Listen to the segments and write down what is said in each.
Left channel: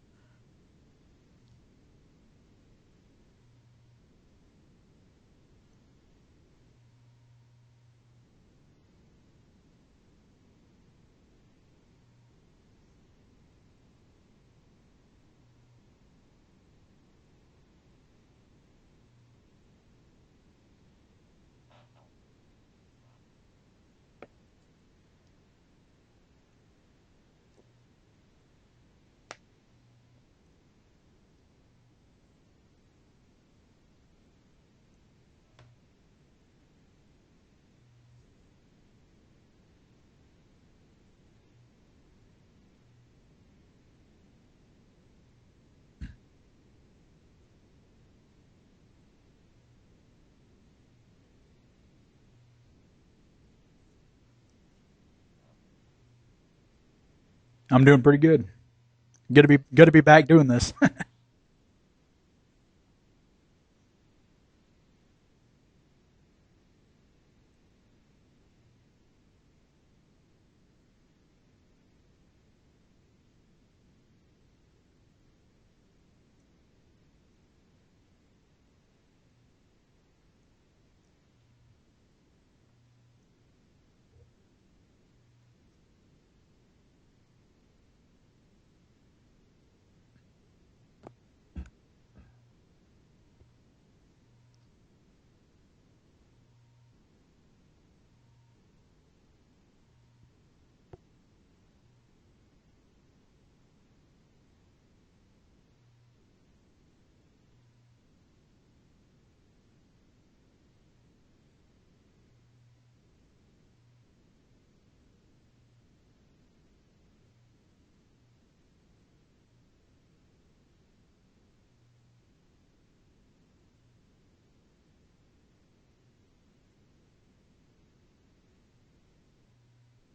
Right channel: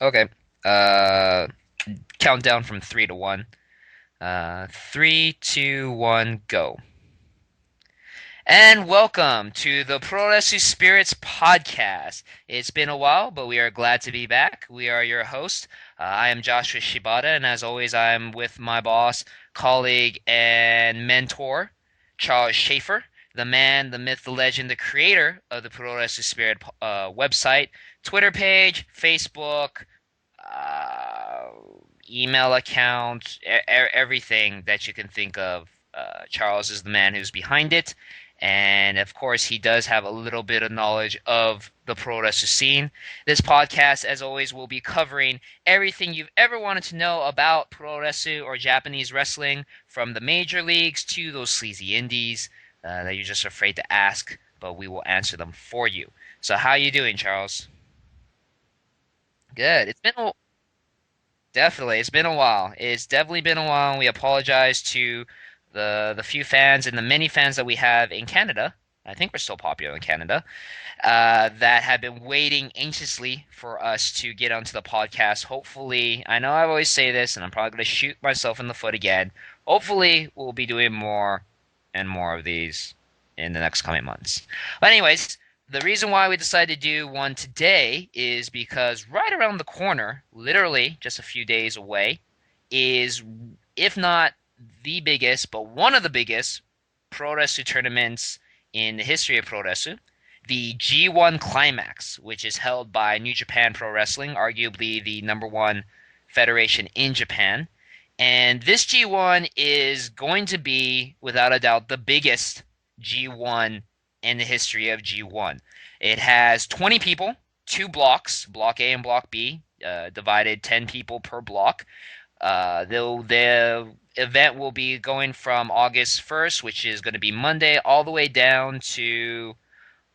Okay. Countdown from 3 to 1. 3, 2, 1, go. And welcome to the Puroresu Spirits Podcast. It's been a while, but we are glad to be back. We are your host. I am Joshua Shibata, and as always, I'm with my boss, colleague, and mentor, Charles Schaefer, the man, the myth, the legend, the creator of the Puroresu Spirit website, Twitter page, Facebook, uh, email account, everything that you can think of. Charles is the man who's behind it. And of course, he does have a little bit of knowledge of the pro wrestling scene. This podcast, as always, will be covering everything you've ever wanted to know about pro wrestling or Japanese wrestling, from the major leagues to those sleazy indies that you're just afraid to ask, but we will answer them for you. So, how you doing, Charles? I'm doing pretty good. Good Good. to be back doing this. Definitely. It's been a while. It's definitely been a while. We apologize to the few fans and the many fans that we have in Canada. I think we're still popular in Canada. That have been waiting anxiously for us to get onto the podcast. Hopefully, I know I always say this, and I'm probably going to shoot myself in the foot again. Hopefully, we'll be doing more and more of these in the next coming months. But anyways, the reason why we decided to do one today is because right around the corner, literally just a few days away, is, if not the biggest, but one of the biggest pro wrestling tournaments in the history of pro wrestling, the G1 Climax, which is held by New Japan Pro Wrestling, arguably the number one federation in Japan. And this G1 is going to be, without a doubt, the biggest G1 in the history of G1. It has 20 people, two blocks, Block A and Block B, divided 10 people per block. The event will be going from August 1st, which is going to be Monday, all the way down to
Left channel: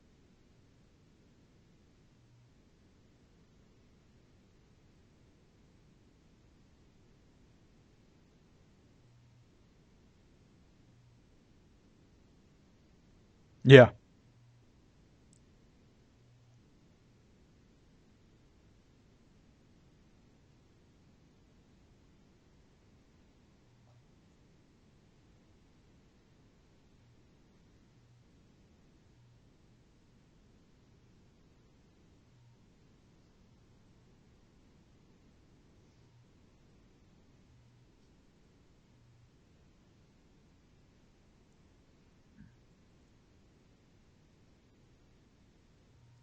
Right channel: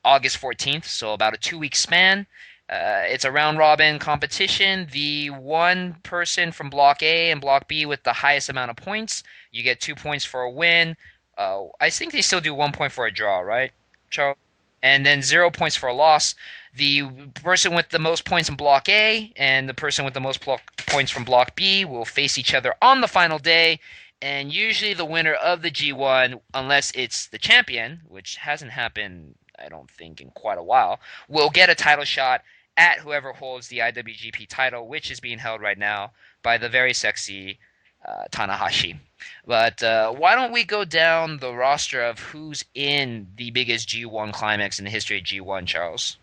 August 14th, so about a 2 week span. It's a round robin competition. The one person from Block A and Block B with the highest amount of points, you get 2 points for a win. I think they still do 1 point for a draw, right, Yeah. Charles? And then 0 points for a loss. The person with the most points in Block A and the person with the most points from Block B will face each other on the final day. And usually the winner of the G1, unless it's the champion, which hasn't happened, I don't think, in quite a while, will get a title shot at whoever holds the IWGP title, which is being held right now by the very sexy Tanahashi. But why don't we go down the roster of who's in the biggest G1 climax in the history of G1, Charles?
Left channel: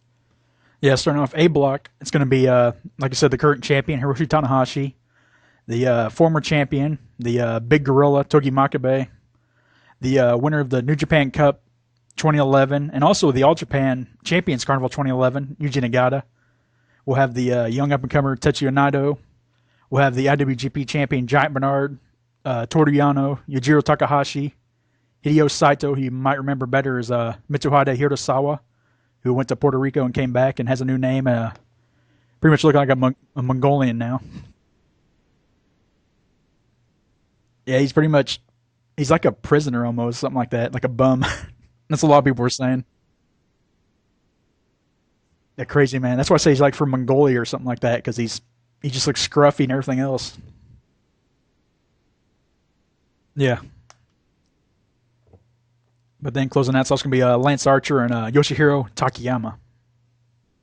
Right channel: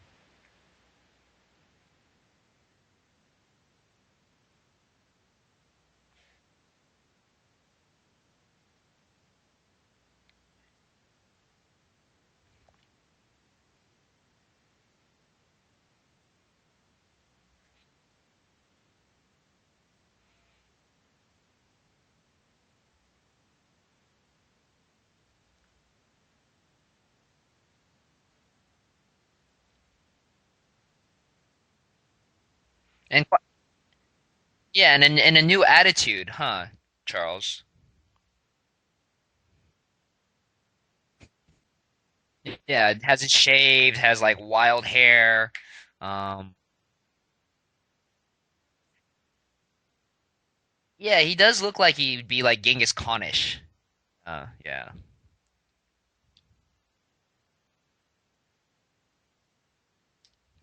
Yeah, starting off A block, it's going to be, like I said, the current champion, Hiroshi Tanahashi, the former champion, the Big Gorilla, Togi Makabe, the winner of the New Japan Cup 2011, and also the All Japan Champions Carnival 2011, Yuji Nagata. We'll have the young up-and-comer Tetsuya Naito. We'll have the IWGP champion Giant Bernard, Toru Yano, Yujiro Takahashi, Hideo Saito, who you might remember better as Mitsuhide Hirasawa, who went to Puerto Rico and came back and has a new name. Pretty much looking like And a Mongolian now. yeah, and a new attitude, huh, Charles? Yeah, he's like a prisoner almost, something like that, like a bum. That's what a lot of people were saying. Yeah, has it shaved, has like wild hair. A crazy man. That's why I say Um, he's like from Mongolia or something like that, because he just looks scruffy and everything else. yeah, he does look like he'd be like Genghis Yeah. Khanish. Yeah. But then closing that's also gonna be Lance Archer and Yoshihiro Takayama.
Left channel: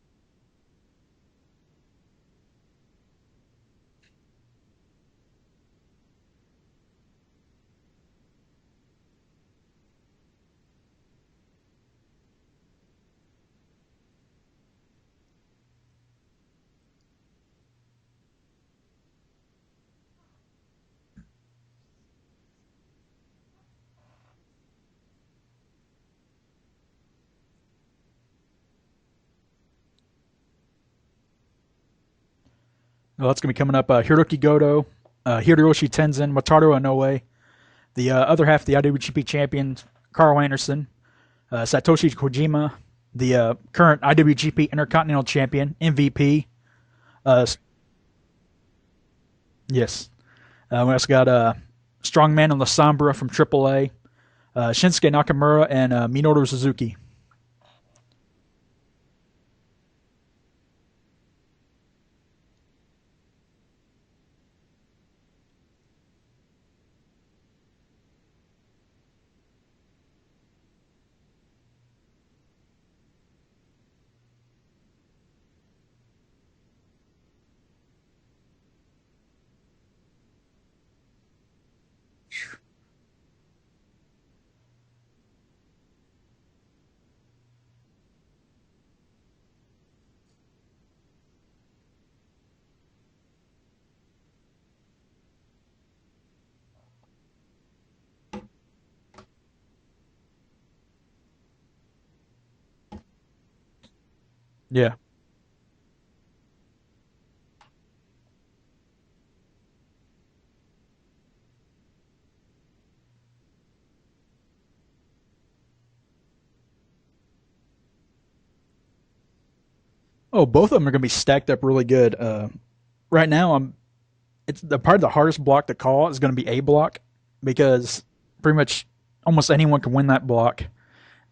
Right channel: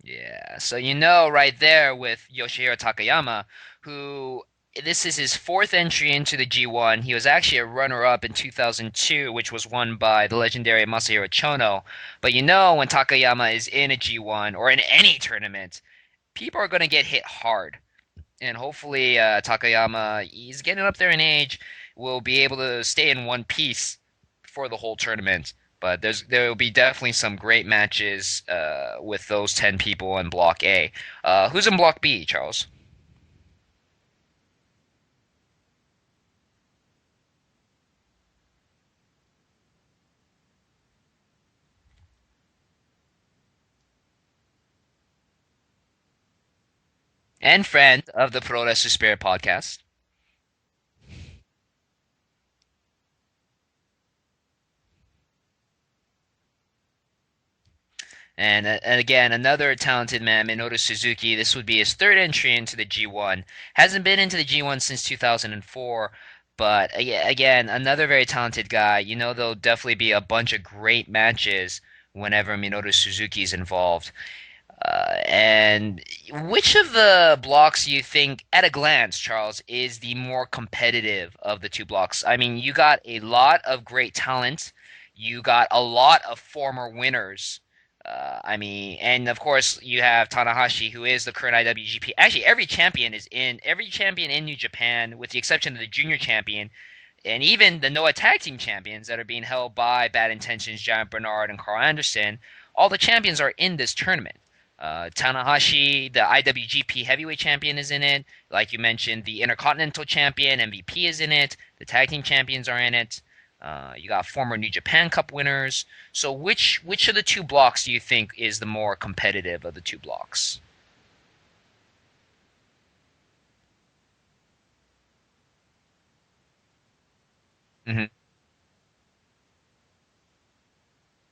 Yeah, so you know right there with Yoshihiro Takayama, who this is his fourth entry into the G1. He was actually a runner-up in 2002, which was won by the legendary Masahiro Chono. But you know when Takayama is in a G1 or in any tournament, people are going to get hit hard. And hopefully Takayama, he's getting up there in age, will be able to stay in one piece for the whole tournament. But there will be definitely some great matches with those 10 people in Block A. Who's in Block B, Charles? Well, that's gonna be coming up. Hiroki Goto, Hiroshi Tenzan, Wataru Inoue, the other half of the IWGP champion Carl Anderson, Satoshi Kojima, the current IWGP Intercontinental Champion MVP. And friend of the Puroresu Spirit Podcast. Yes. We also got Strongman and La Sombra from AAA, Shinsuke Nakamura, and Minoru Suzuki. And again, another talented man, Minoru Suzuki. This would be his third entry into the G1. Hasn't been into the G1 since 2004, but again, another very talented guy. You know, there'll definitely be a bunch of great matches whenever Minoru Suzuki is involved. And which of the blocks you think, at a glance, Charles, is the more competitive of the two blocks? I mean, you got a lot of great talent. You got a lot of former winners. I mean, and of course you have Tanahashi, who is the current IWGP. Actually, every champion in New Japan, with the exception of the junior champion, and even the Noah Tag Team champions that are being held by Bad Intentions, Giant Bernard, and Carl Anderson. All the champions are in this tournament. Yeah. Tanahashi, the IWGP Heavyweight Champion, is in it. Like you mentioned, the Intercontinental Champion, MVP, is in it. The Tag Team Champions are in it. You got former New Japan Cup winners. So which of the two blocks do you think is the more competitive of the two Oh, blocks? both of them are going to be stacked up really good. Right now, it's the part of the hardest block to call is going to be A block because Hmm. pretty much almost anyone can win that block.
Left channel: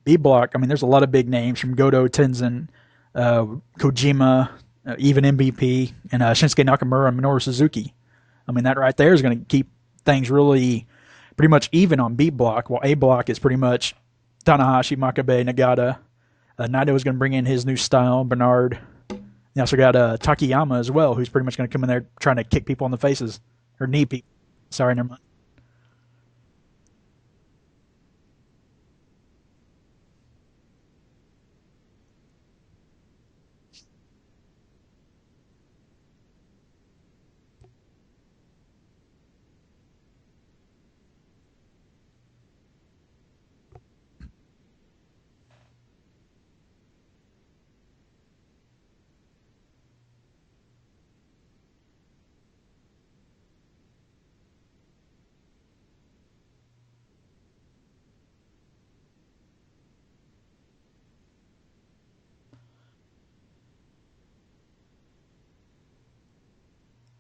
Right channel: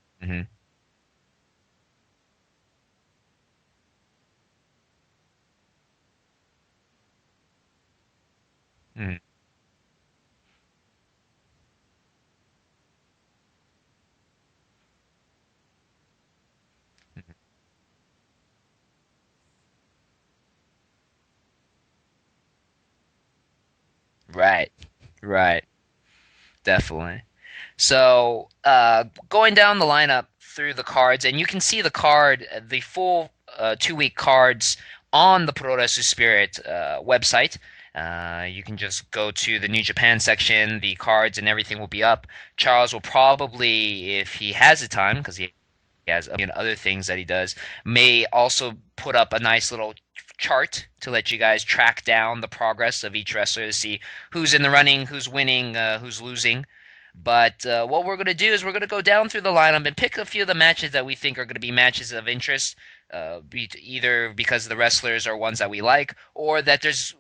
B Hmm. block, I mean, there's a lot of big names from Goto, Tenzin, uh, Kojima, even MVP, and Shinsuke Nakamura and Minoru Suzuki. I mean, that right there Hmm. is going to keep things really pretty much even on B block, while A block is pretty much Tanahashi, Makabe, Nagata. Naito is going to bring in his new style, Bernard. You also got Takayama as well, who's pretty much going to come in there trying to kick people in the faces or knee people. Right, Sorry, never mind. right, definitely. So, going down the lineup through the cards, and you can see the full 2 week cards on the Puroresu Spirit website. You can just go to the New Japan section, the cards and everything will be up. Charles will probably, if he has the time, because he has a million other things that he does, may also put up a nice little chart to let you guys track down the progress of each wrestler to see who's in the running, who's winning, who's losing. But what we're going to do is we're going to go down through the lineup and pick a few of the matches that we think are going to be matches of interest, either because the wrestlers are ones that we like or that there's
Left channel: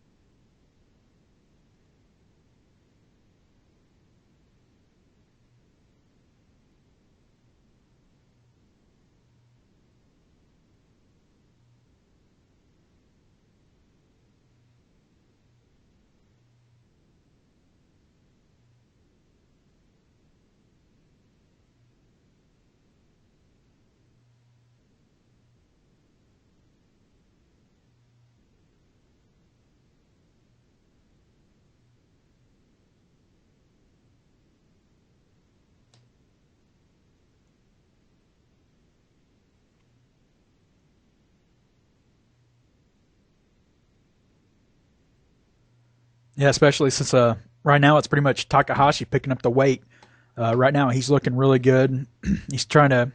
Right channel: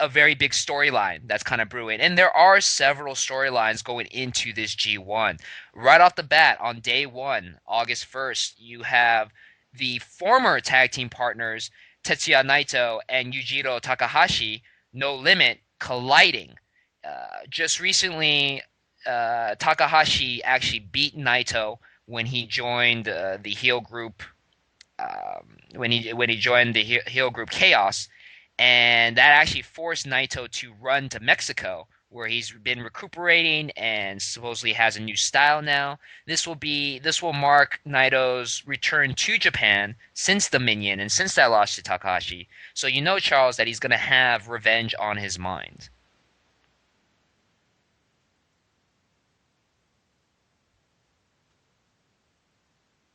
a very big storyline that's kind of brewing. And there are several storylines going into this G1. Right off the bat, on day one, August 1st, you have the former tag team partners, Tetsuya Naito and Yujiro Takahashi, No Limit, colliding. Just recently, Takahashi actually beat Naito when he joined the heel group. When he joined the heel group Chaos, and that actually forced Naito to run to Mexico, where he's been recuperating and supposedly has a new style now. This will mark Naito's return to Japan since the Minion and since that loss to Takahashi. So you know, Charles, that he's going to have revenge on his mind. Yeah, especially since right now it's pretty much Takahashi picking up the weight. Right now he's looking really good. He's trying to.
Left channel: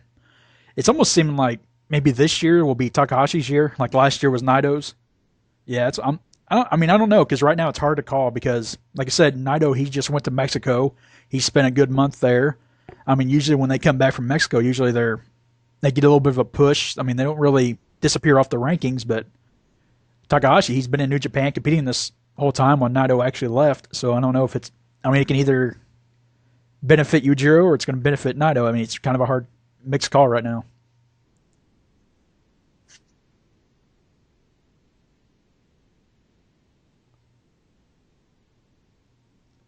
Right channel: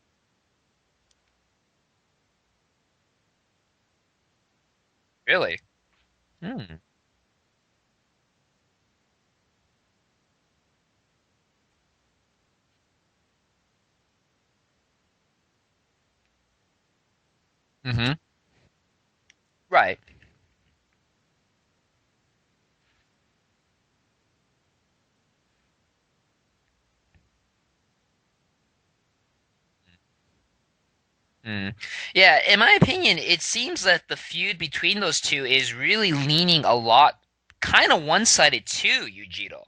It's almost seeming like maybe this year will be Takahashi's year, like last year was Naito's. Really? Yeah, it's Hmm. I mean I don't know because right now it's hard to call because like I said, Naito he just went to Mexico. He spent a good month there. I mean usually when they come back from Mexico, usually they get a little bit of a push. I mean they don't really Mm-hmm. disappear off the rankings, but Right. Takahashi he's been in New Japan competing this whole time when Naito actually left. So I don't know if it's. I mean it can either benefit Yujiro or it's going to benefit Naito. I mean it's kind of a hard mixed call right now. Mm. Yeah, in my opinion, it seems that the feud between those two is really leaning a lot, kind of one-sided to Yujiro.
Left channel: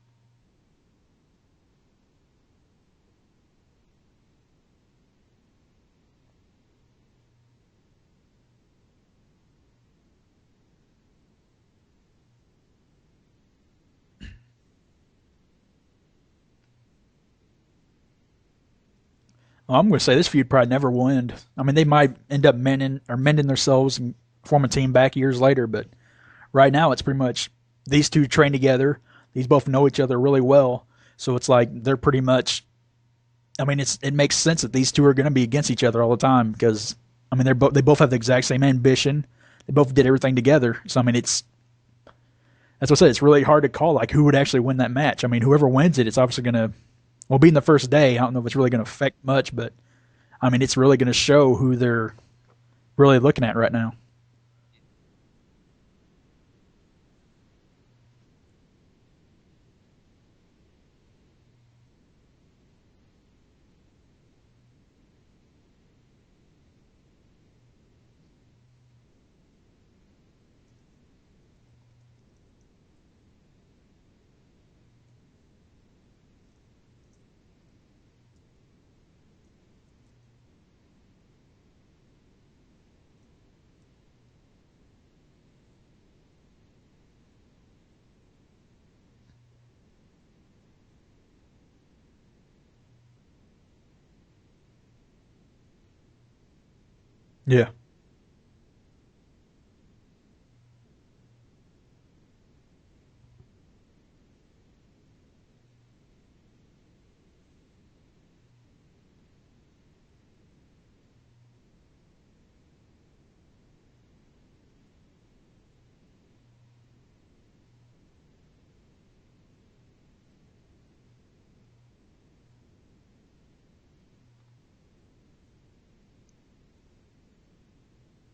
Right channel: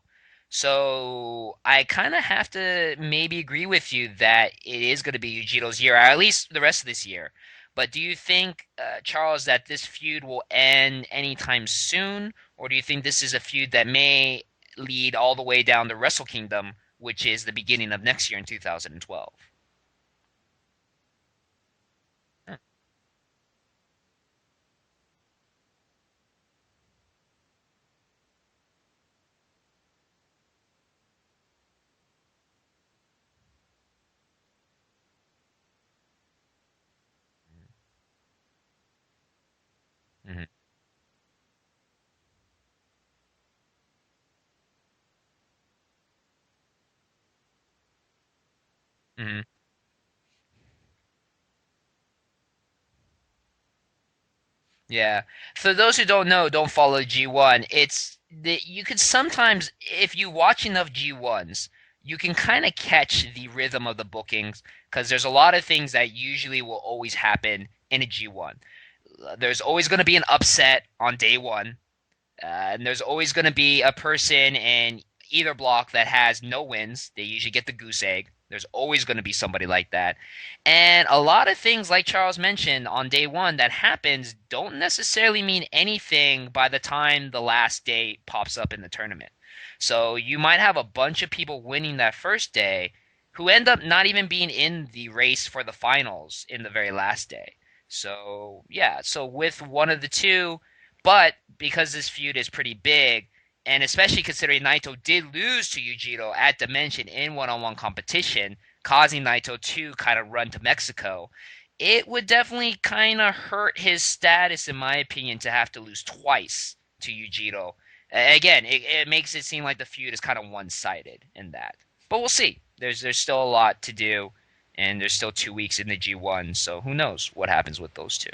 So I kind of have to maybe agree with you that it is going to be Yujiro's year, or at least the rest of this year. But do you think, Charles, that this feud will end anytime soon, or do you think this is a feud that may lead all the way down to Wrestle Kingdom, which is the beginning of next year in 2012? Well, I'm going to say this feud probably never will end. I mean they might end up mending themselves and form a team back years later, but right now it's pretty much these two train together. These both know each other really well, so it's like they're pretty much. I mean, it makes sense that these two are going to be against each other all the time because I mean they both have the exact same ambition. They both did everything Mhm. together. So I mean that's what I said. It's really hard to call like who would actually win that match. I mean whoever wins it, it's obviously going to well being the first day. I don't know if it's really going to affect Mhm. much, but I mean it's really going to show who they're really looking at right now. Yeah. For those who don't know, don't follow G1. You could sometimes, if you watch enough G1s, you can kind of catch the rhythm of the bookings because there's a lot of things that usually will always happen in a G1. There's always going to be an upset on day one, and there's always going to be a person in either block that has no wins. They usually get the goose egg. There's always going to be somebody like that. And a lot of things, like Charles mentioned, on day one that happens don't necessarily mean anything by the time the last day pops up in the tournament. So you might have a bunch of people winning that first day who end up not even being in the race for the finals in the very last day. Yeah. So, yeah, so with one of the two, but because this feud is pretty big, and especially considering Naito did lose to Yujiro at Dimension in one-on-one competition, causing Naito to kind of run to Mexico, it would definitely kind of hurt his status, in my opinion, to have to lose twice to Yujiro. Again, it makes it seem like the feud is kind of one-sided in that. But we'll see. There's still a lot to do, and there's still 2 weeks in the G1, so who knows what happens with those two.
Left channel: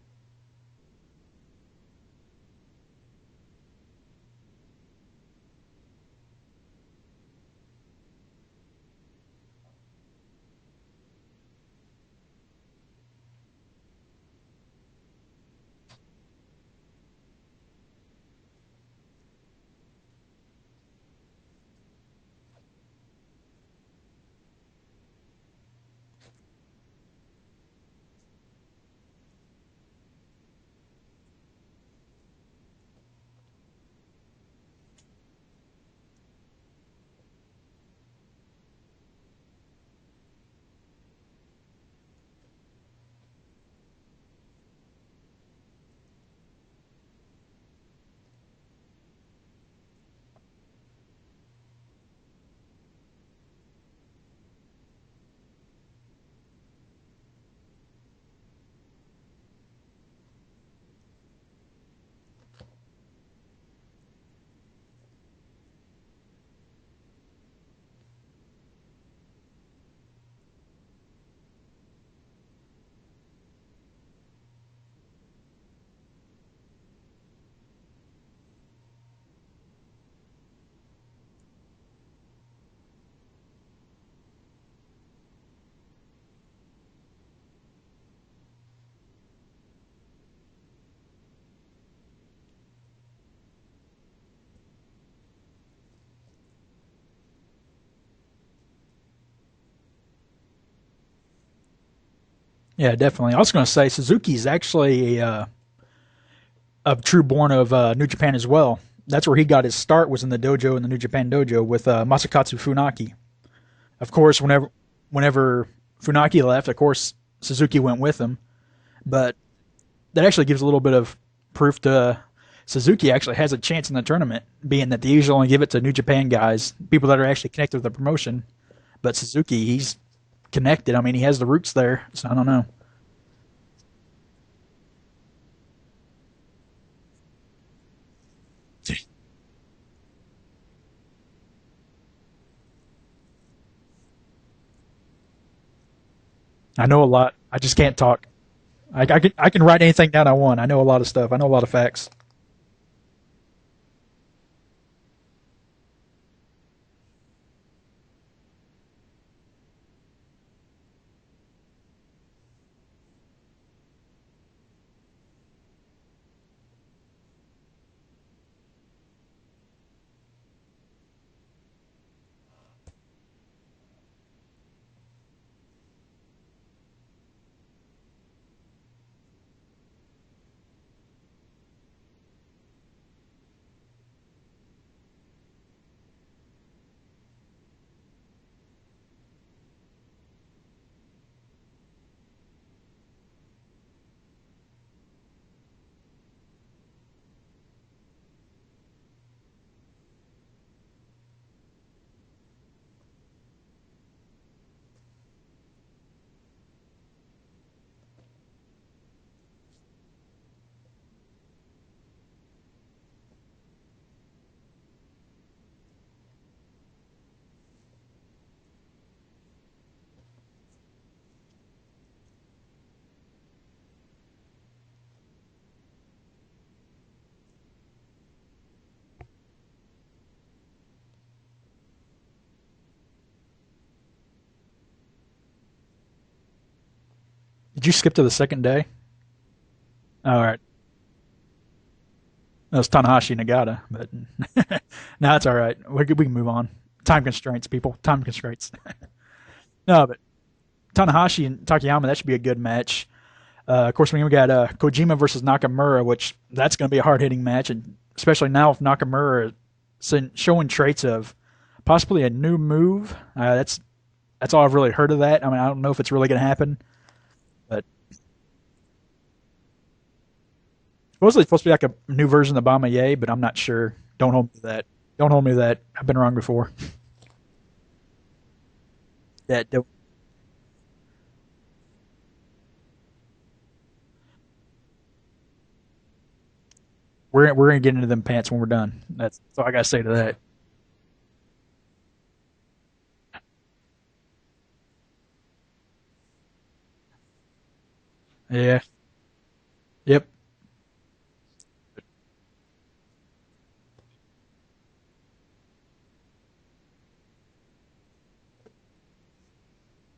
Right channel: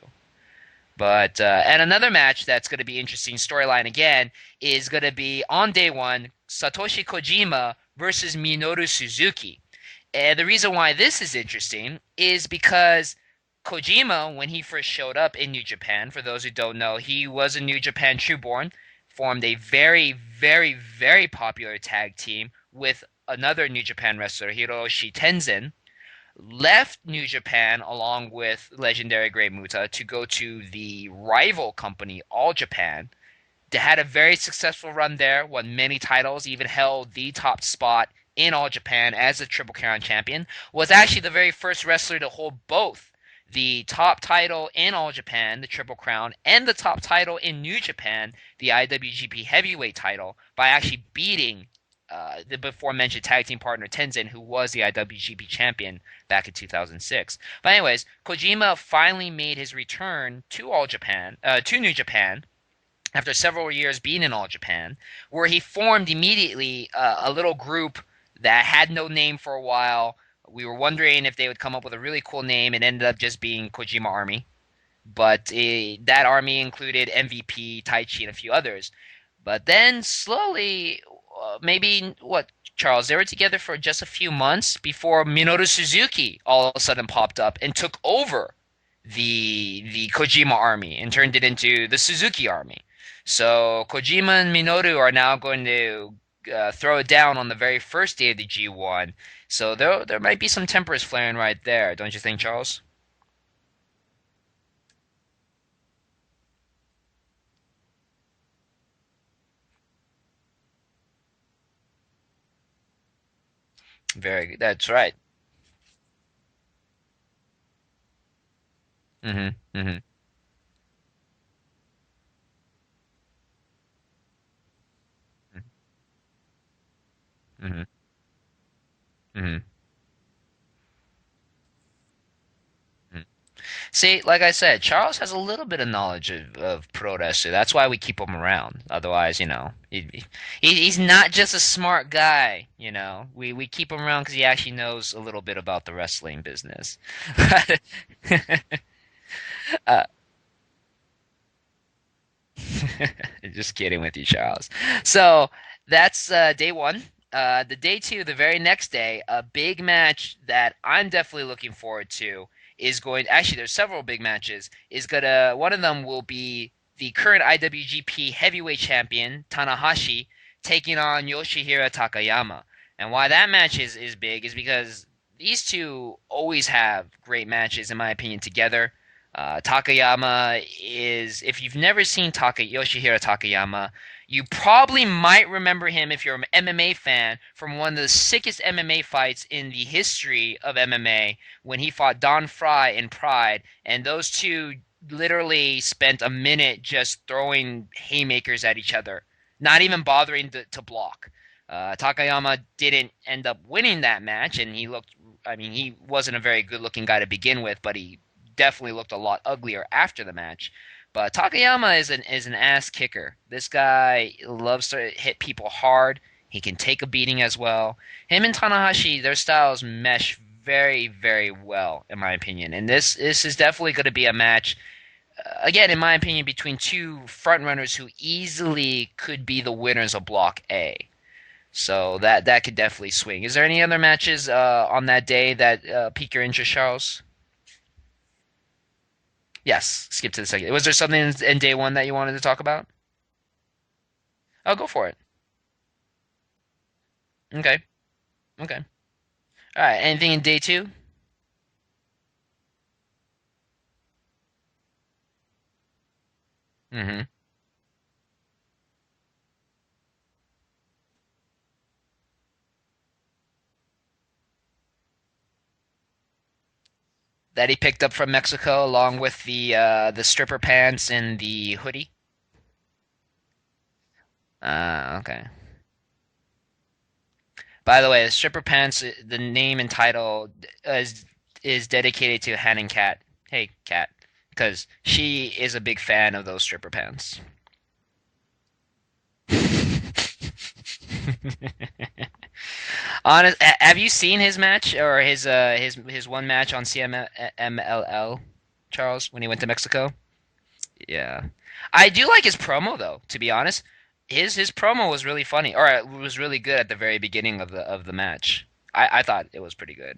But and another match that's going to be interesting storyline again is going to be on day one, Satoshi Kojima versus Minoru Suzuki. And the reason why this is interesting is because Kojima, when he first showed up in New Japan, for those who don't know, he was a New Japan Trueborn, formed a very, very, very popular tag team with another New Japan wrestler, Hiroshi Tenzin, left New Japan along with legendary Great Muta to go to the rival company, All Japan. They had a very successful run there, won many titles, even held the top spot in All Japan as a Triple Crown champion. Was actually the very first wrestler to hold both the top title in All Japan, the Triple Crown, and the top title in New Japan, the IWGP Heavyweight title, by actually beating the before mentioned tag team partner Tenzin, who was the IWGP champion back in 2006. But anyways, Kojima finally made his return to to New Japan, after several years being in All Japan, where he formed immediately a little group that had no name for a while. We were wondering if they would come up with a really cool name. It ended up just being Kojima Army. But that army included MVP, Taichi, and a few others. But then slowly, maybe, what, Charles, they were together for just a few months before Minoru Suzuki all of a sudden popped up and took over the Kojima army and turned it into the Suzuki army. So Kojima and Minoru are now going to throw it down on the very first day of the G1. So there might be some tempers flaring right there, don't you think, Charles? Yeah, definitely. I was going to say Suzuki's actually a true born of New Japan as well. That's where he got his start, was in the dojo, in the New Japan dojo with Masakatsu Funaki. Of course, That's right. whenever Funaki left, of course Suzuki went with him. But that actually gives a little bit of proof to Suzuki actually has a chance in the tournament, being that they usually only give it to New Japan guys, people that are actually connected with the promotion. But Suzuki, he's connected. I mean, he has the roots there, so I don't know. See, like I said, Charles has a little bit of knowledge of Puroresu. That's why we keep him around. Otherwise, he's not just a smart guy. We keep him around because he actually knows a little bit about the wrestling business. I know a lot. I just can't talk. I can write anything down I want. I know a lot of stuff. I know a lot of facts. Just kidding with you, Charles. So that's day one. The day two, the very next day, a big match that I'm definitely looking forward to is going. Actually, there's several big matches. One of them will be the current IWGP Heavyweight Champion Tanahashi taking on Yoshihiro Takayama. And why that match is big is because these two always have great matches, in my opinion, together. Takayama is, if you've never seen Yoshihiro Takayama, you probably might remember him, if you're an MMA fan, from one of the sickest MMA fights in the history of MMA, when he fought Don Fry in Pride, and those two literally spent a minute just throwing haymakers at each other, not even bothering to block. Takayama didn't end up winning that match, and he wasn't a very good-looking guy to begin with, but he definitely looked a lot uglier after the match. But Takayama is an ass kicker. This guy loves to hit people hard. He can take a beating as well. Him and Tanahashi, their styles mesh very, very well, in my opinion. And this is definitely going to be a match, again, in my opinion, between two frontrunners who easily could be the winners of Block A. So that could definitely swing. Is there any other matches on that day that pique your interest, Charles? Did you skip to the second day? Yes, skip All to the right. second. Was there something in day one that you wanted to talk That about? was Tanahashi Nagata, but Oh, go for it. no, it's all right. We can move on. Time constraints, Okay. people. Time constraints. Okay. All right. No, but Anything in day two? Tanahashi and Takayama, that should be a good match. Of course, we got Kojima versus Nakamura, which that's going to be a hard Hmm. hitting match, and especially now with Nakamura showing traits of possibly a new move. That's all I've really heard of that. I mean, I don't know if it's really going to happen, That he but picked up from Mexico, along with the stripper pants and supposedly it's supposed to be the like hoodie. a new version of Bamaye, but I'm not sure. Don't hold me to that. Don't Okay. hold me to that. I've been wrong before. By the way, the stripper pants, the Yeah, name and title is dedicated to Han and Kat. Hey, Kat, because she is a big fan of those stripper pants. we're gonna get into them pants when we're done. That's all I gotta say to that. Have you seen his match or his one match on CMLL, Yeah. Charles, when he went to Mexico? Yep. Yeah, I do like his promo though. To be honest, his promo was really funny, or it was really good at the very beginning of the match. I thought it was pretty good.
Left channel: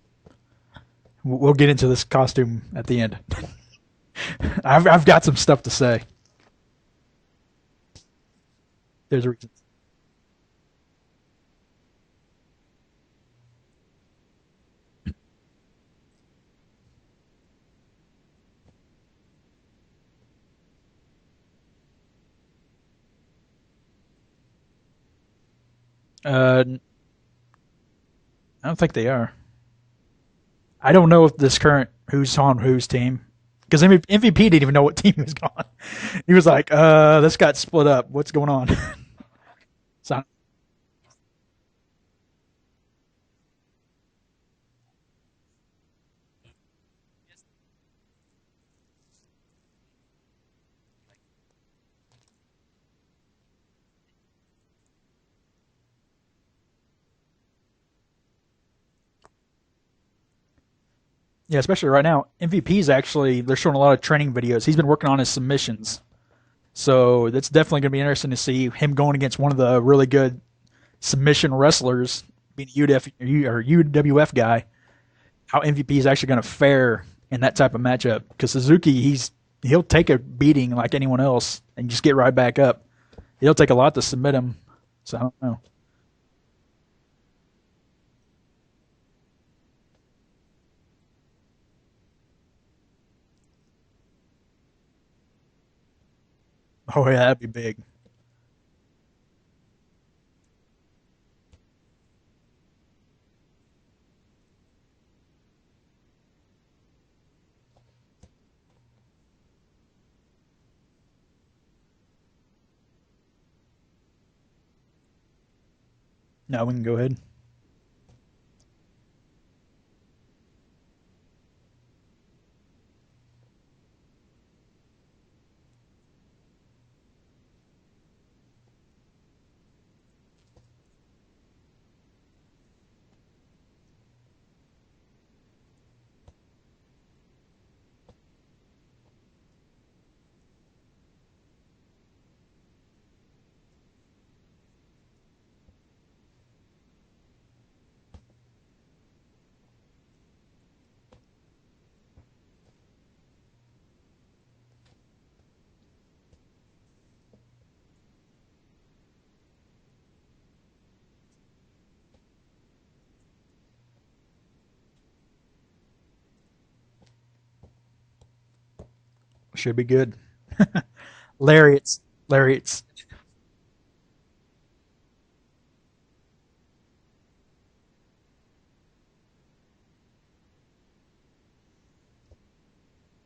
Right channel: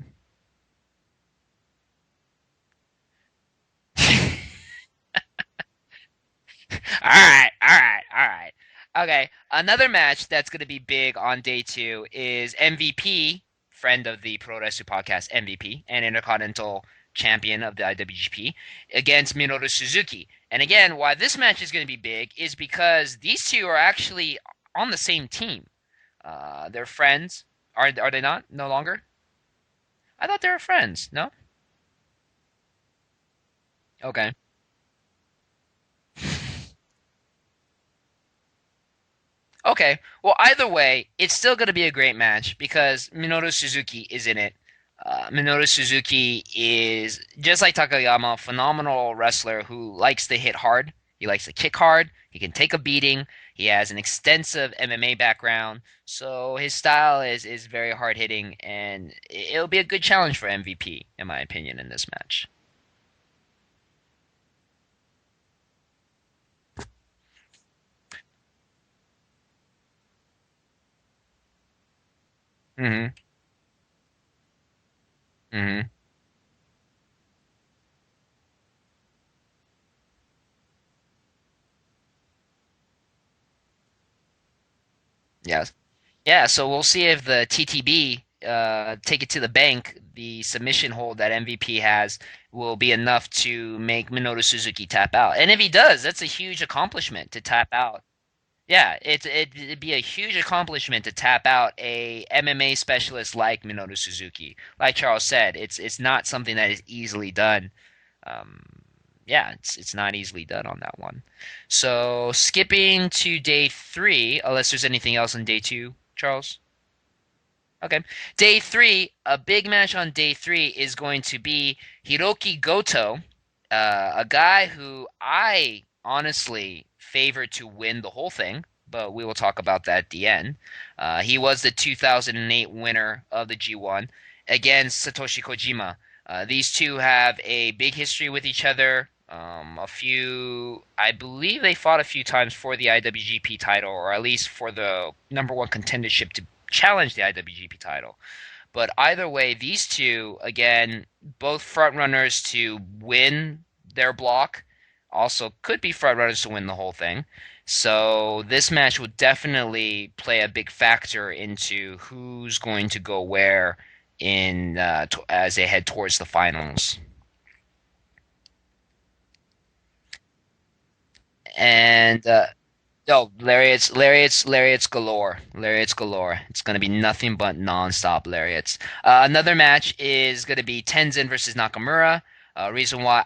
We'll get into this costume at the end. I've got some stuff to say. All right, all right, all right. Okay, There's- another match that's going to be big on day two is MVP, friend of the Puroresu Podcast, MVP, and Intercontinental Champion of the IWGP, against Minoru Suzuki. And again, why this match is going to be big is because these two are actually on the same team. Uh, They're friends. Are they not? No I don't think longer? they are. I thought they were friends. I don't know No? if this current who's on whose team, because Okay. MVP didn't even know what team he was on. He was like, this got split up. What's going on?" Okay. So Well, either way, it's still going to be a great match because Minoru Suzuki is in it. Minoru Suzuki is, just like Takayama, a phenomenal wrestler who likes to hit hard. He likes to kick hard. He can take a beating. He has an extensive MMA background. So his style is very hard hitting, and it'll be a good challenge for MVP, in my yeah, opinion, especially in right this now, match. MVP's actually they're showing a lot of training videos. He's been working on his submissions, so it's definitely going to be interesting to see him going against one of the really good submission wrestlers, being a Hmm. UWF guy. How Hmm. MVP is actually going to fare in that type of matchup? Because Suzuki, he'll take a beating like anyone else and just get right back up. It'll take a lot to submit him. So I don't know. Yes. Yeah, so we'll see if the TTB take it to the bank. The submission hold that MVP has will be enough to make Minoru Suzuki tap out. And if he does, that's a huge Oh yeah, accomplishment to that'd be tap big. out. Yeah, it'd be a huge accomplishment to tap out a MMA specialist like Minoru Suzuki. Like Charles said, it's not something that is easily done. Um, yeah, it's not easily done on that one. So skipping to day three, unless there's anything else on day two, Charles. No, we can go ahead. Okay. Day three, a big match on day three is going to be Hiroki Goto, a guy who I honestly favor to win the whole thing, but we will talk about that at the end. He was the 2008 winner of the G1 against Satoshi Kojima. These two have a big history with each other. I believe they fought a few times for the IWGP title, or at least for the number one contendership to challenge the IWGP title. But either way, these two, again, both front runners to win their block, also could be front runners to win the whole thing. So this match will definitely play a big factor into who's going to go where as they head towards the finals. Should be good. Lariats, And lariats. no, lariats galore, lariats galore. It's gonna be nothing but non-stop lariats. Another match is gonna be Tenzin versus Nakamura. Reason why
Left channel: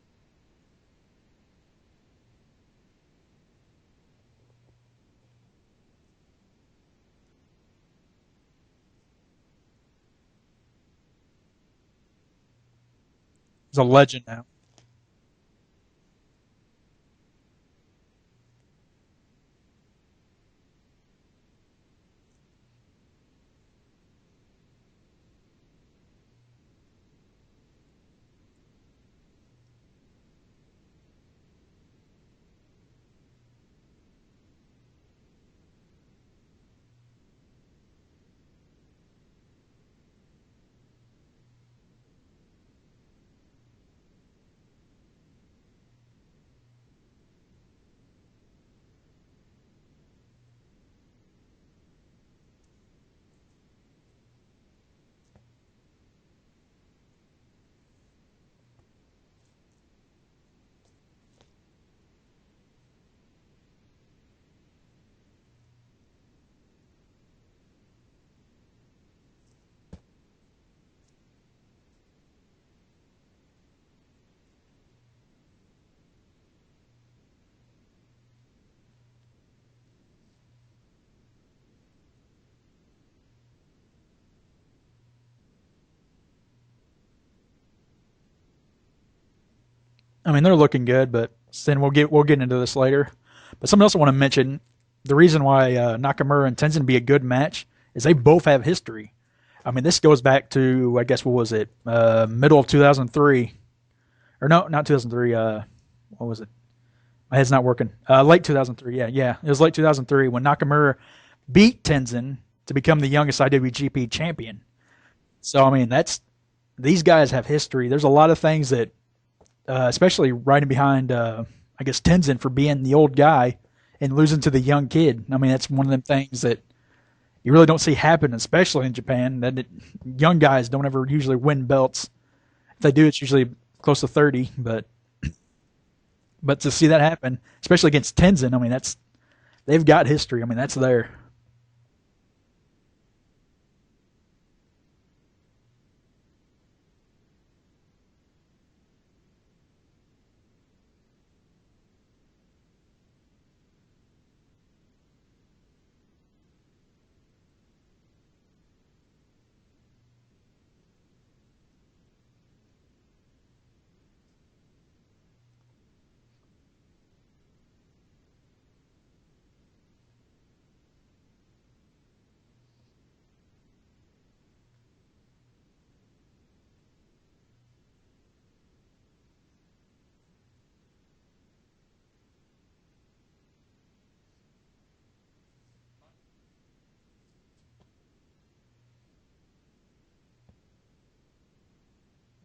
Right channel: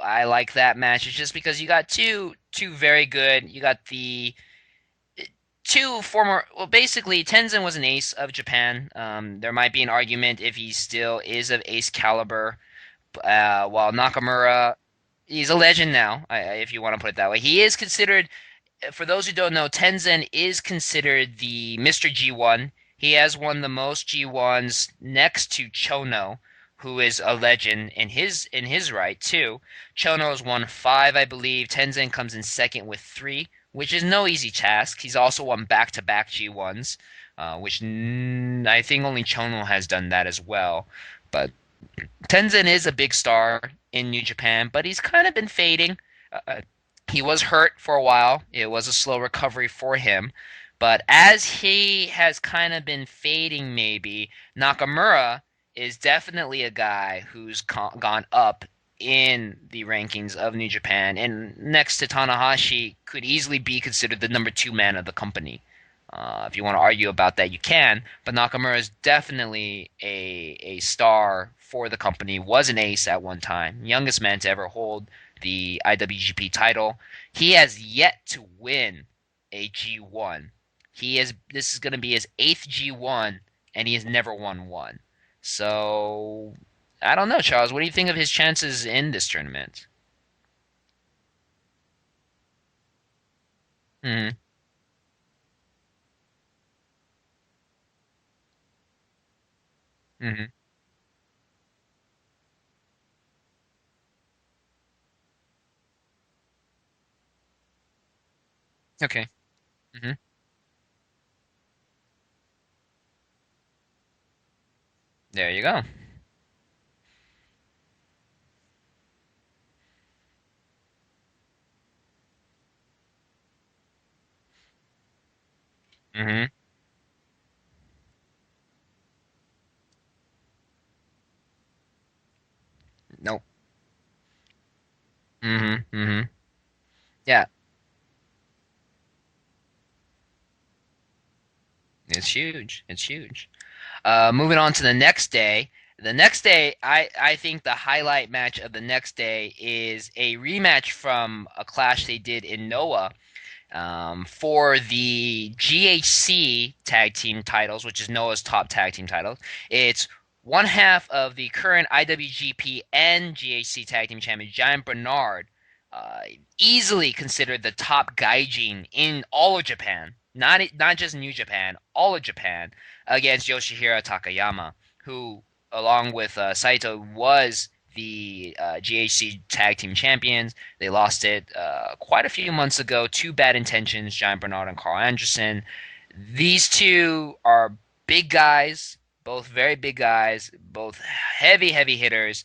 I like that match is just because you got two very good. You got the two former. Well, basically, Tenzin was an ace of Japan. There might be an argument if he still is of ace caliber. He's a While legend now. Nakamura, he's a legend now, if you want to put it that way. He is considered, for those who don't know, Tenzin is considered the Mr. G1. He has won the most G1s next to Chono, who is a legend in his right too. Chono has won 5, I believe. Tenzin comes in second with 3, which is no easy task. He's also won back-to-back G1s. which I think only Chono has done that as well. But Tenzin is a big star in New Japan, but he's kind of been fading. Uh, he was hurt for a while. It was a slow recovery for him. But as he has kind of been fading, maybe, Nakamura is definitely a guy who's gone up in the rankings of New Japan, and next to Tanahashi, could easily be considered the number two man of the company. If you want to argue about that, you can. But Nakamura is definitely a star for the company. Was an ace at one time, youngest man to ever hold the IWGP title. He has yet to win a G1. This is going to be his eighth G1, and he has never won one. So I don't know, Charles. What do you think of his chances in this tournament? I mean, they're looking good, but then we'll get into this later. But something else I want to Mm-hmm. mention: the reason why Nakamura and Tenzin be a good match is they both have history. I mean, this goes Mm-hmm. back to, I guess, what was it, middle of 2003, or no, not 2003. What was it? My head's not working. Late 2003. It's Yeah, okay. yeah, it was late Mm-hmm. 2003 when Nakamura beat Tenzin to become the youngest IWGP champion. There you So I go. mean, that's these guys have history. There's a lot of things that, especially riding behind, I guess Tenzin for being the old guy and losing to the young kid. I mean, that's one of them things Mm-hmm. that you really don't see happen, especially in Japan. Young guys don't ever usually win belts. If they do, it's Nope. usually close to 30. Mm-hmm. Mm-hmm. But to see that happen, Yeah, especially against Tenzin, I mean, they've got history. I mean, that's there. it's huge. It's huge. Moving on to the next day. The next day, I think the highlight match of the next day is a rematch from a clash they did in Noah for the GHC tag team titles, which is Noah's top tag team titles. It's one half of the current IWGP and GHC tag team champion, Giant Bernard, uh, easily considered the top gaijin in all of Japan, not just New Japan, all of Japan, against Yoshihiro Takayama, who, along with Saito, was the GHC Tag Team Champions. They lost it quite a few months ago to Bad Intentions, Giant Bernard and Carl Anderson. These two are big guys, both very big guys, both heavy, heavy hitters.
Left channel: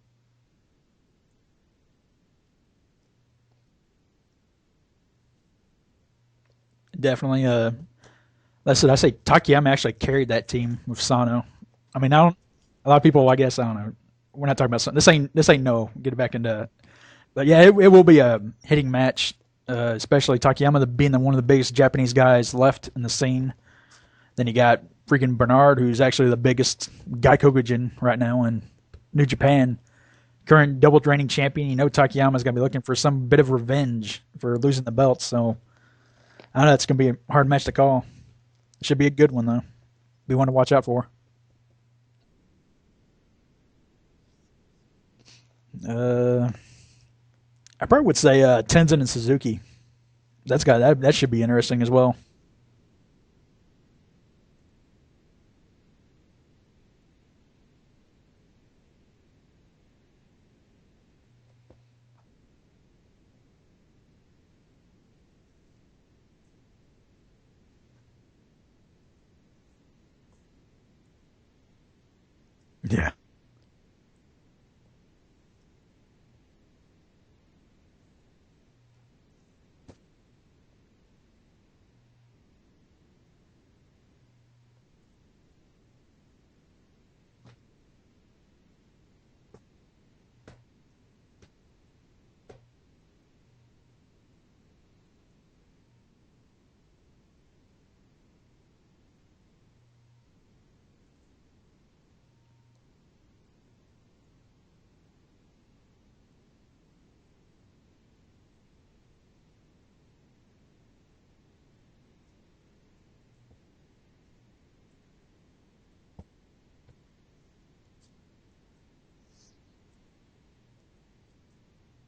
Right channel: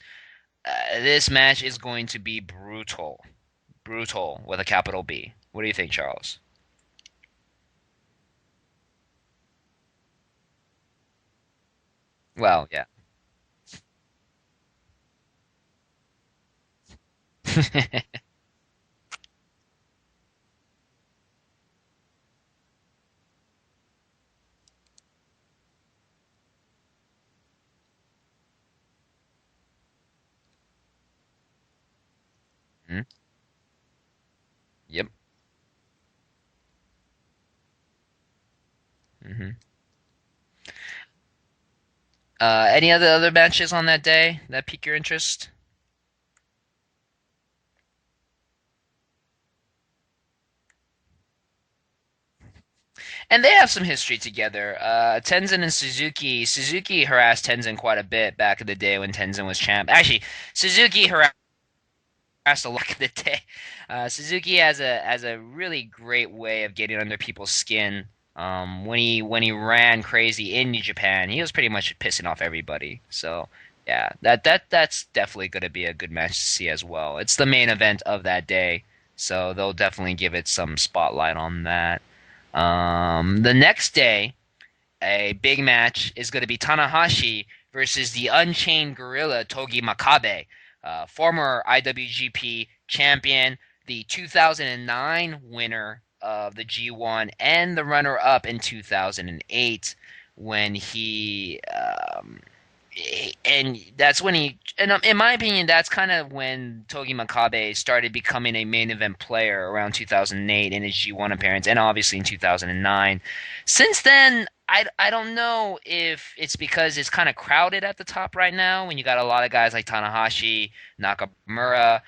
This match is going to be brutal. Brutal with a capital B. What do you think, Charles? Definitely. That's it. I say Takayama actually carried that team with Sano. I mean, I don't. Well, yeah. A lot of people, I guess, I don't know. We're not talking about something. This ain't no. Get it back into. But yeah, it will be a hitting match, especially Takayama being one of the biggest Japanese guys left in the scene. Then you got freaking Bernard, who's actually the biggest Gaikokujin right now in New Japan. Current double reigning champion. You know Takayama's going to be looking for Mhm. some bit of revenge for losing the Yep. belt. So I don't know. It's going to be a hard match to call. It should be a good one, Mhm. though. Be one to watch out for. Any other matches on that day that pique your interest? Uh, I probably would say Tenzin and Suzuki. That should be interesting as well. And they have some history together. Tenzin and Suzuki. Suzuki harassed Tenzin quite a bit back in the day when Tenzin was champ. Actually, Suzuki harassed a lot of the day. Suzuki has a really great way of getting under people's skin. When he ran crazy in New Japan, he was pretty much pissing off everybody. Yeah, So yeah, that's definitely going to be a good match to see as well. It's the main event of that day, so they'll definitely give it some spotlight on that. The next day, a big match is going to be Tanahashi versus the Unchained Gorilla Togi Makabe, former IWGP champion, the 2009 winner of the G1, and the runner-up in 2008 when and that's when and in my opinion, that's kind of when Togi Makabe started becoming a main event player around 2008 in his G1 appearance, and obviously in 2009. Since then, I don't know if it's because it's kind of crowded at the top right now when you got a lot of guys like Tanahashi, Nakamura.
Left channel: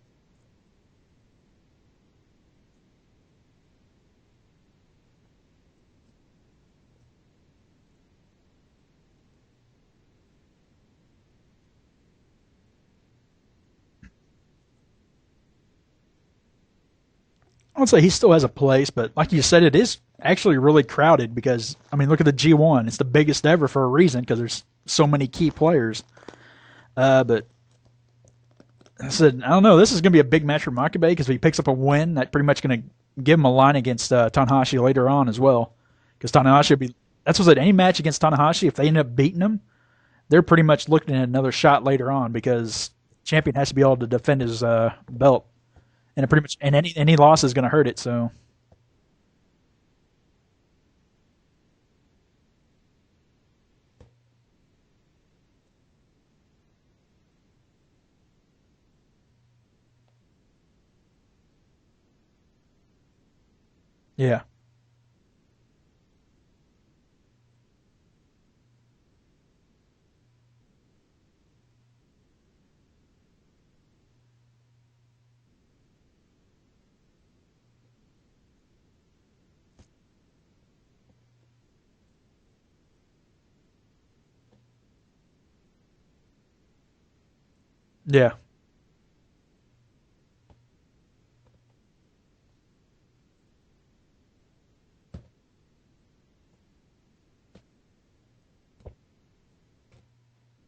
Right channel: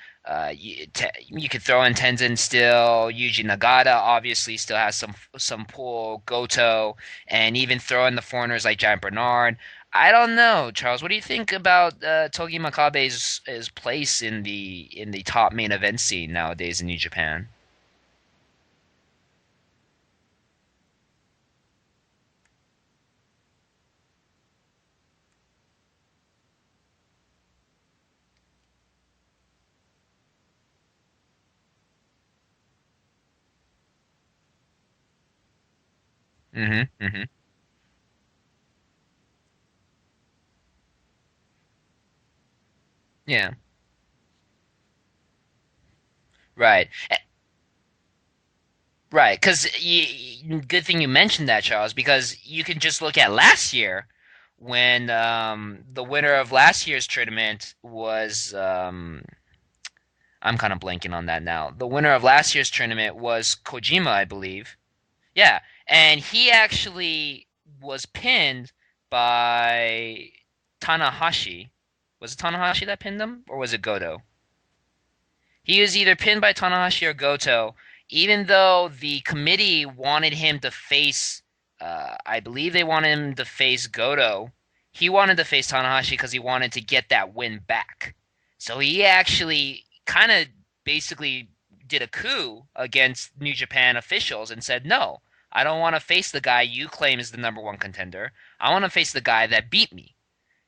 You could throw in Tenzin still. Yuji Nagata obviously still has some pull. Goto, and even throw in the foreigners like Giant Bernard. I don't know, Charles. What do you think about Togi Makabe's his place in the top main event scene nowadays in New Japan? I would say he still has a place, but like you said, it is actually really crowded because I mean, look at the G1. It's the biggest ever for a reason because there's so many key players. But I said, I don't know. This is going to be a big match for Makabe because if he picks up a win, that's pretty much going to give him a line against Tanahashi later on as well. Because Tanahashi, that's what I said. Any match against Tanahashi, if they end up beating him, they're pretty much looking at another shot later on because Yeah. champion has to be able to defend his belt, and it pretty much Right. any loss is going to hurt it. So Right. Because good thing you mentioned that, Charles, because you can just look at last year when the winner of last year's tournament was I'm kind of blanking on that now. The winner of last year's tournament was Kojima, I yeah, believe. Yeah, and he actually was pinned by Tanahashi. Was it Tanahashi that pinned him, or was it Goto? He was either pinned by Tanahashi or Goto, even though the committee wanted him to face, I believe they wanted him to face Goto. He wanted to face Tanahashi because he wanted to get that win back. yeah, So he actually kind of basically did a coup against New Japan officials and said, no, I don't want to face the guy you claim is the number one contender. I want to face the guy that beat me.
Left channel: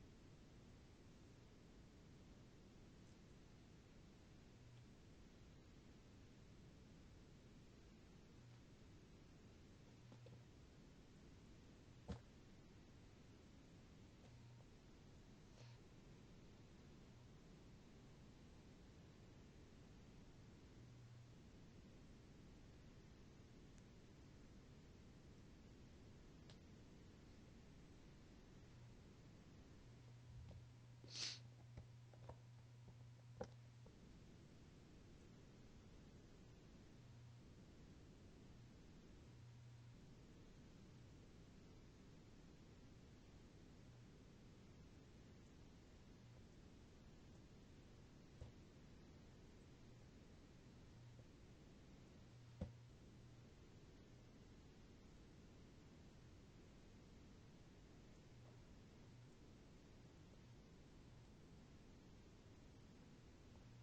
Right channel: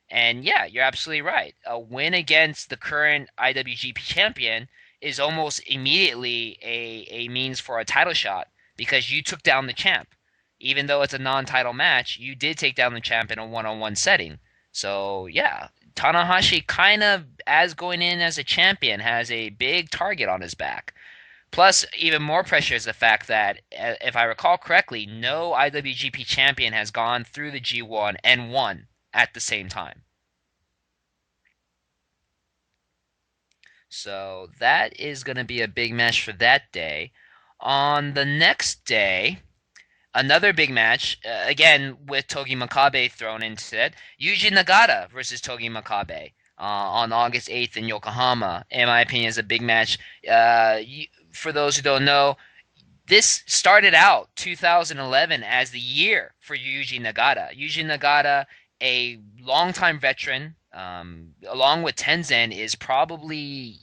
And yeah, you're absolutely right. A win against the current IWGP champion is almost immediately a means for a title shot because you took down the champ. Even though it's a non-title match, you did take down the champ in a one-on-one setting. So yeah, Tanahashi kind of, as going in as a champion, has a big target on his back. Plus, even more pressure is the fact that, if I recall correctly, no IWGP champion has gone through the G1 and won at the same time. So that is going to be a big match for that day. On the next day, another big match, again with Togi Makabe thrown into it. Yuji Nagata versus Togi Makabe on August 8th in Yokohama. In my opinion, is a big match. For those who don't know, this started out 2011 as the year for Yuji Nagata. Yuji Nagata, a longtime veteran, along with Tenzan, is probably,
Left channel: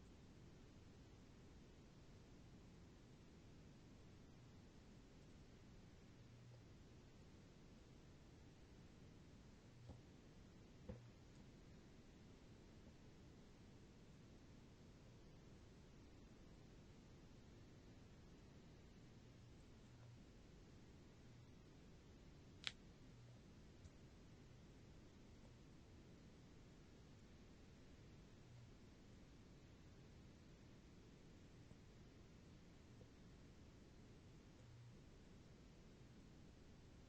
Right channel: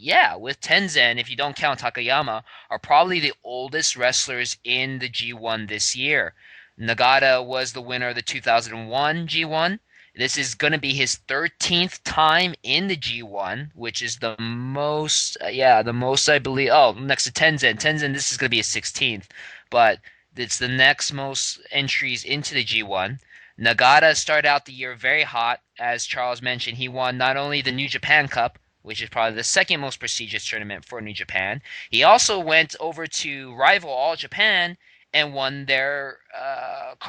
yeah, with Tenzan, if you don't count Takayama, are probably the oldest wrestlers in the G1 this year. Nagata was the winner of the 2001 G1. This is going to be his 13th time in the G1, which is the most, the most I believe. Oh, next to Tenzan. Tenzan, this is going to be his 16th, but it's the next most entries into the G1. Nagata started out the year very hot. As Charles mentioned, he won not only the New Japan Cup, which is probably the second most prestigious tournament for New Japan. He also went over to rival All Japan and won their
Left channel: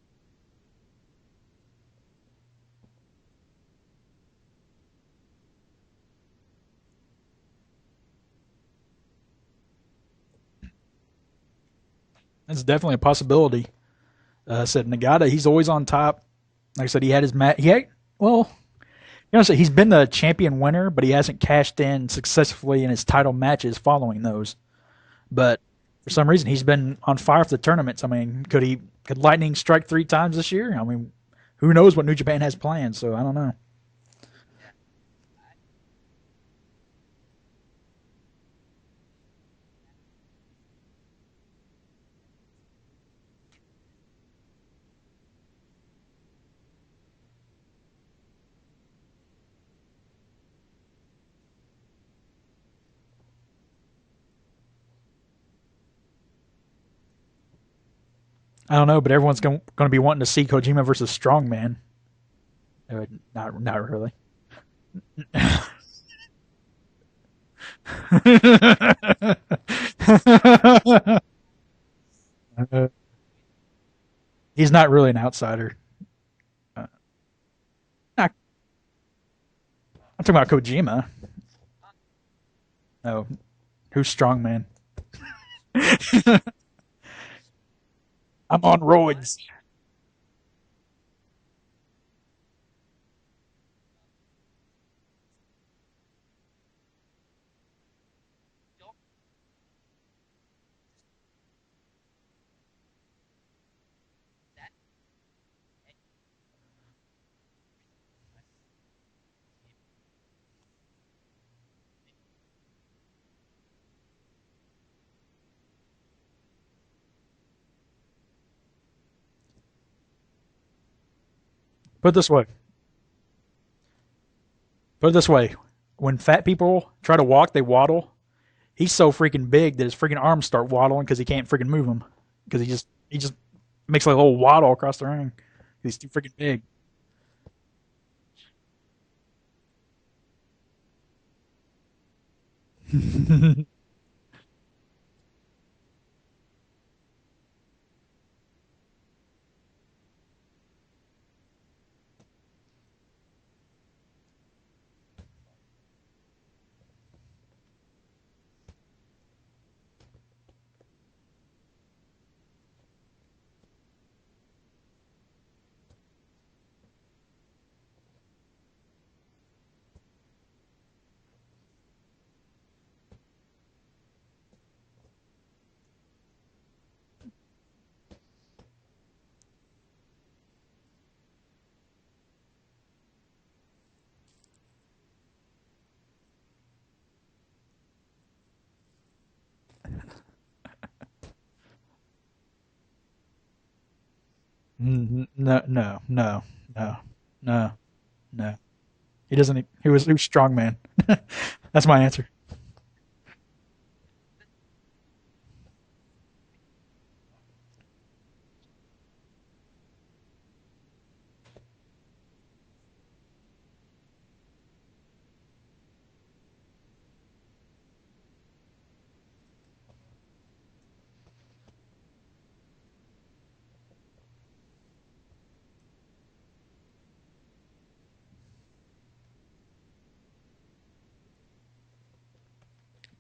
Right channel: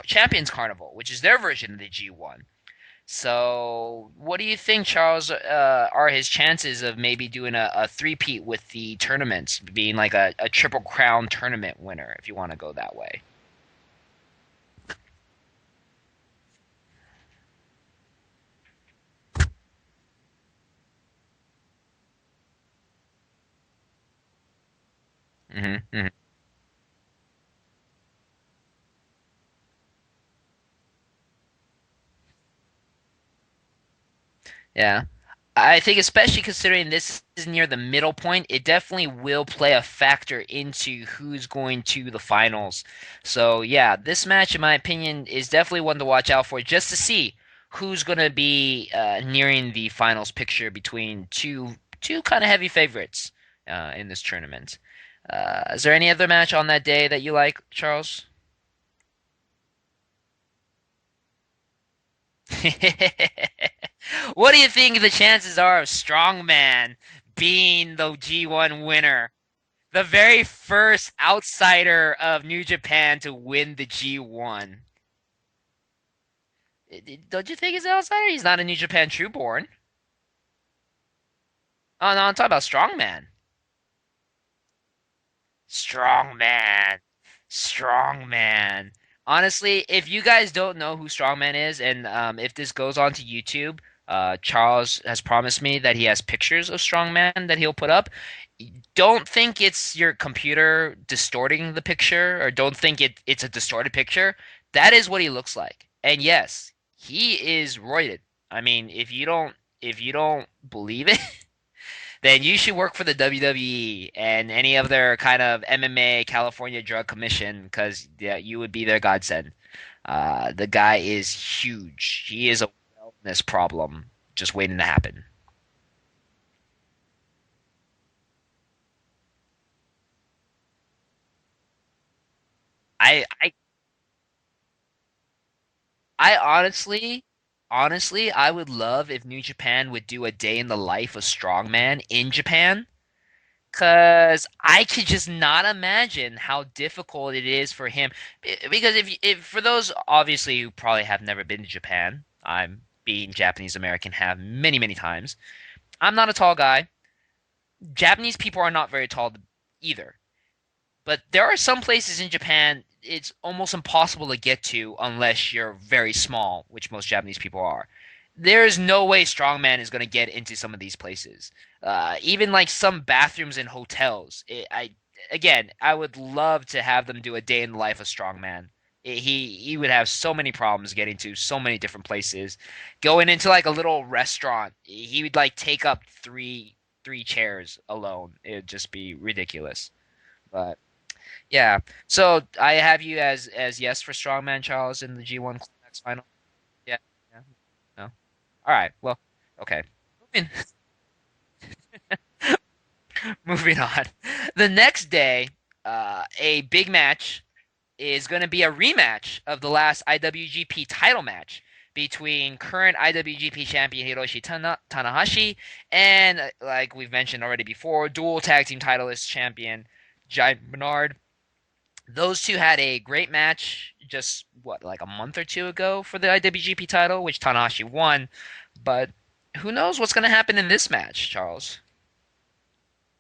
Champions Carnival, which is their version of the G1. So, what do you think, Charles, are his chances of maybe doing a three-peat with the tournaments, being like a Triple Crown tournament winner, if you want to it's go definitely that a way? possibility. Said Nagata, he's always on top. Like I said, he had his match. He had, well, you know, so he's been the champion winner, but he hasn't cashed in successfully in his title matches following those. But for some reason, he's been on fire for the tournaments. I mean, could Lightning strike 3 times this year? I mean, who knows what New Japan has planned? So I don't know. Yeah. I think especially considering this is near the middle point, it definitely will play a factor into who's going to the finals. So yeah, this match, in my opinion, is definitely one to watch out for, just to see who's going to be nearing the finals picture between two kind of heavy favorites in this tournament. Is there any other match on that day that you like, Charles? I don't know, but everyone's going to be wanting to see Kojima versus Strongman. Not really. What do you think the chances are of Strongman being the G1 winner? The very first outsider of New Japan to win the He's G1. not really an outsider. Don't you think he's an outsider? He's not a New Japan trueborn. I'm talking about Kojima. Oh no, I'm talking about No, Strongman. who's Strongman? Strongman. I'm on Strongman. roids. Honestly, if you guys don't know who Strongman is, and if this goes onto YouTube, Charles has promised me that he has pictures of Strongman that he'll put up. Don't think it's your computer distorting the picture, or don't think it's a distorted picture. That is what he looks like. And yes, he is roided. I mean, if you don't believe it, then you should work for the WWE and any other kind of MMA California Drug Commission because yeah, you would be their godsend. The guy is Put it huge. this way. He is a wellness problem just waiting to Put it happen. this way. When fat people try to walk, they waddle. He's so freaking big that his freaking arms start waddling because he can't freaking move them. Because he I, just I, makes like a little waddle across the ring. He's too freaking I big. honestly, I would love if New Japan would do a day in the life of strongman in Japan. Because I could just not imagine how difficult it is for him. Because if for those obviously who probably have never been to Japan, I'm being Japanese American have many, many times. I'm not a tall guy. Japanese people are not very tall either. But there are some places in Japan it's almost impossible to get to unless you're very small, which most Japanese people are. There is no way strongman is going to get into some of these places. Even like some bathrooms in hotels. I would love to have them do a day in the life of strongman. He would have so many problems getting to so many different places. Going into like a little restaurant, he would like take up three chairs alone. It would just be ridiculous. But yeah. So I have you as yes for strongman Charles in the G1 No, no, final. no, Yeah. no, Yeah. no, No. no. All right. Well, He doesn't. okay. He was strong man. That's my answer. Moving on. The next day, a big match is going to be a rematch of the last IWGP title match between current IWGP champion Hiroshi Tanahashi and, like we've mentioned already before, dual tag team titleist champion Giant Bernard. Those two had a great match just what like a month or two ago for the IWGP title, which Tanahashi won. But who knows what's going to happen in this match, Charles?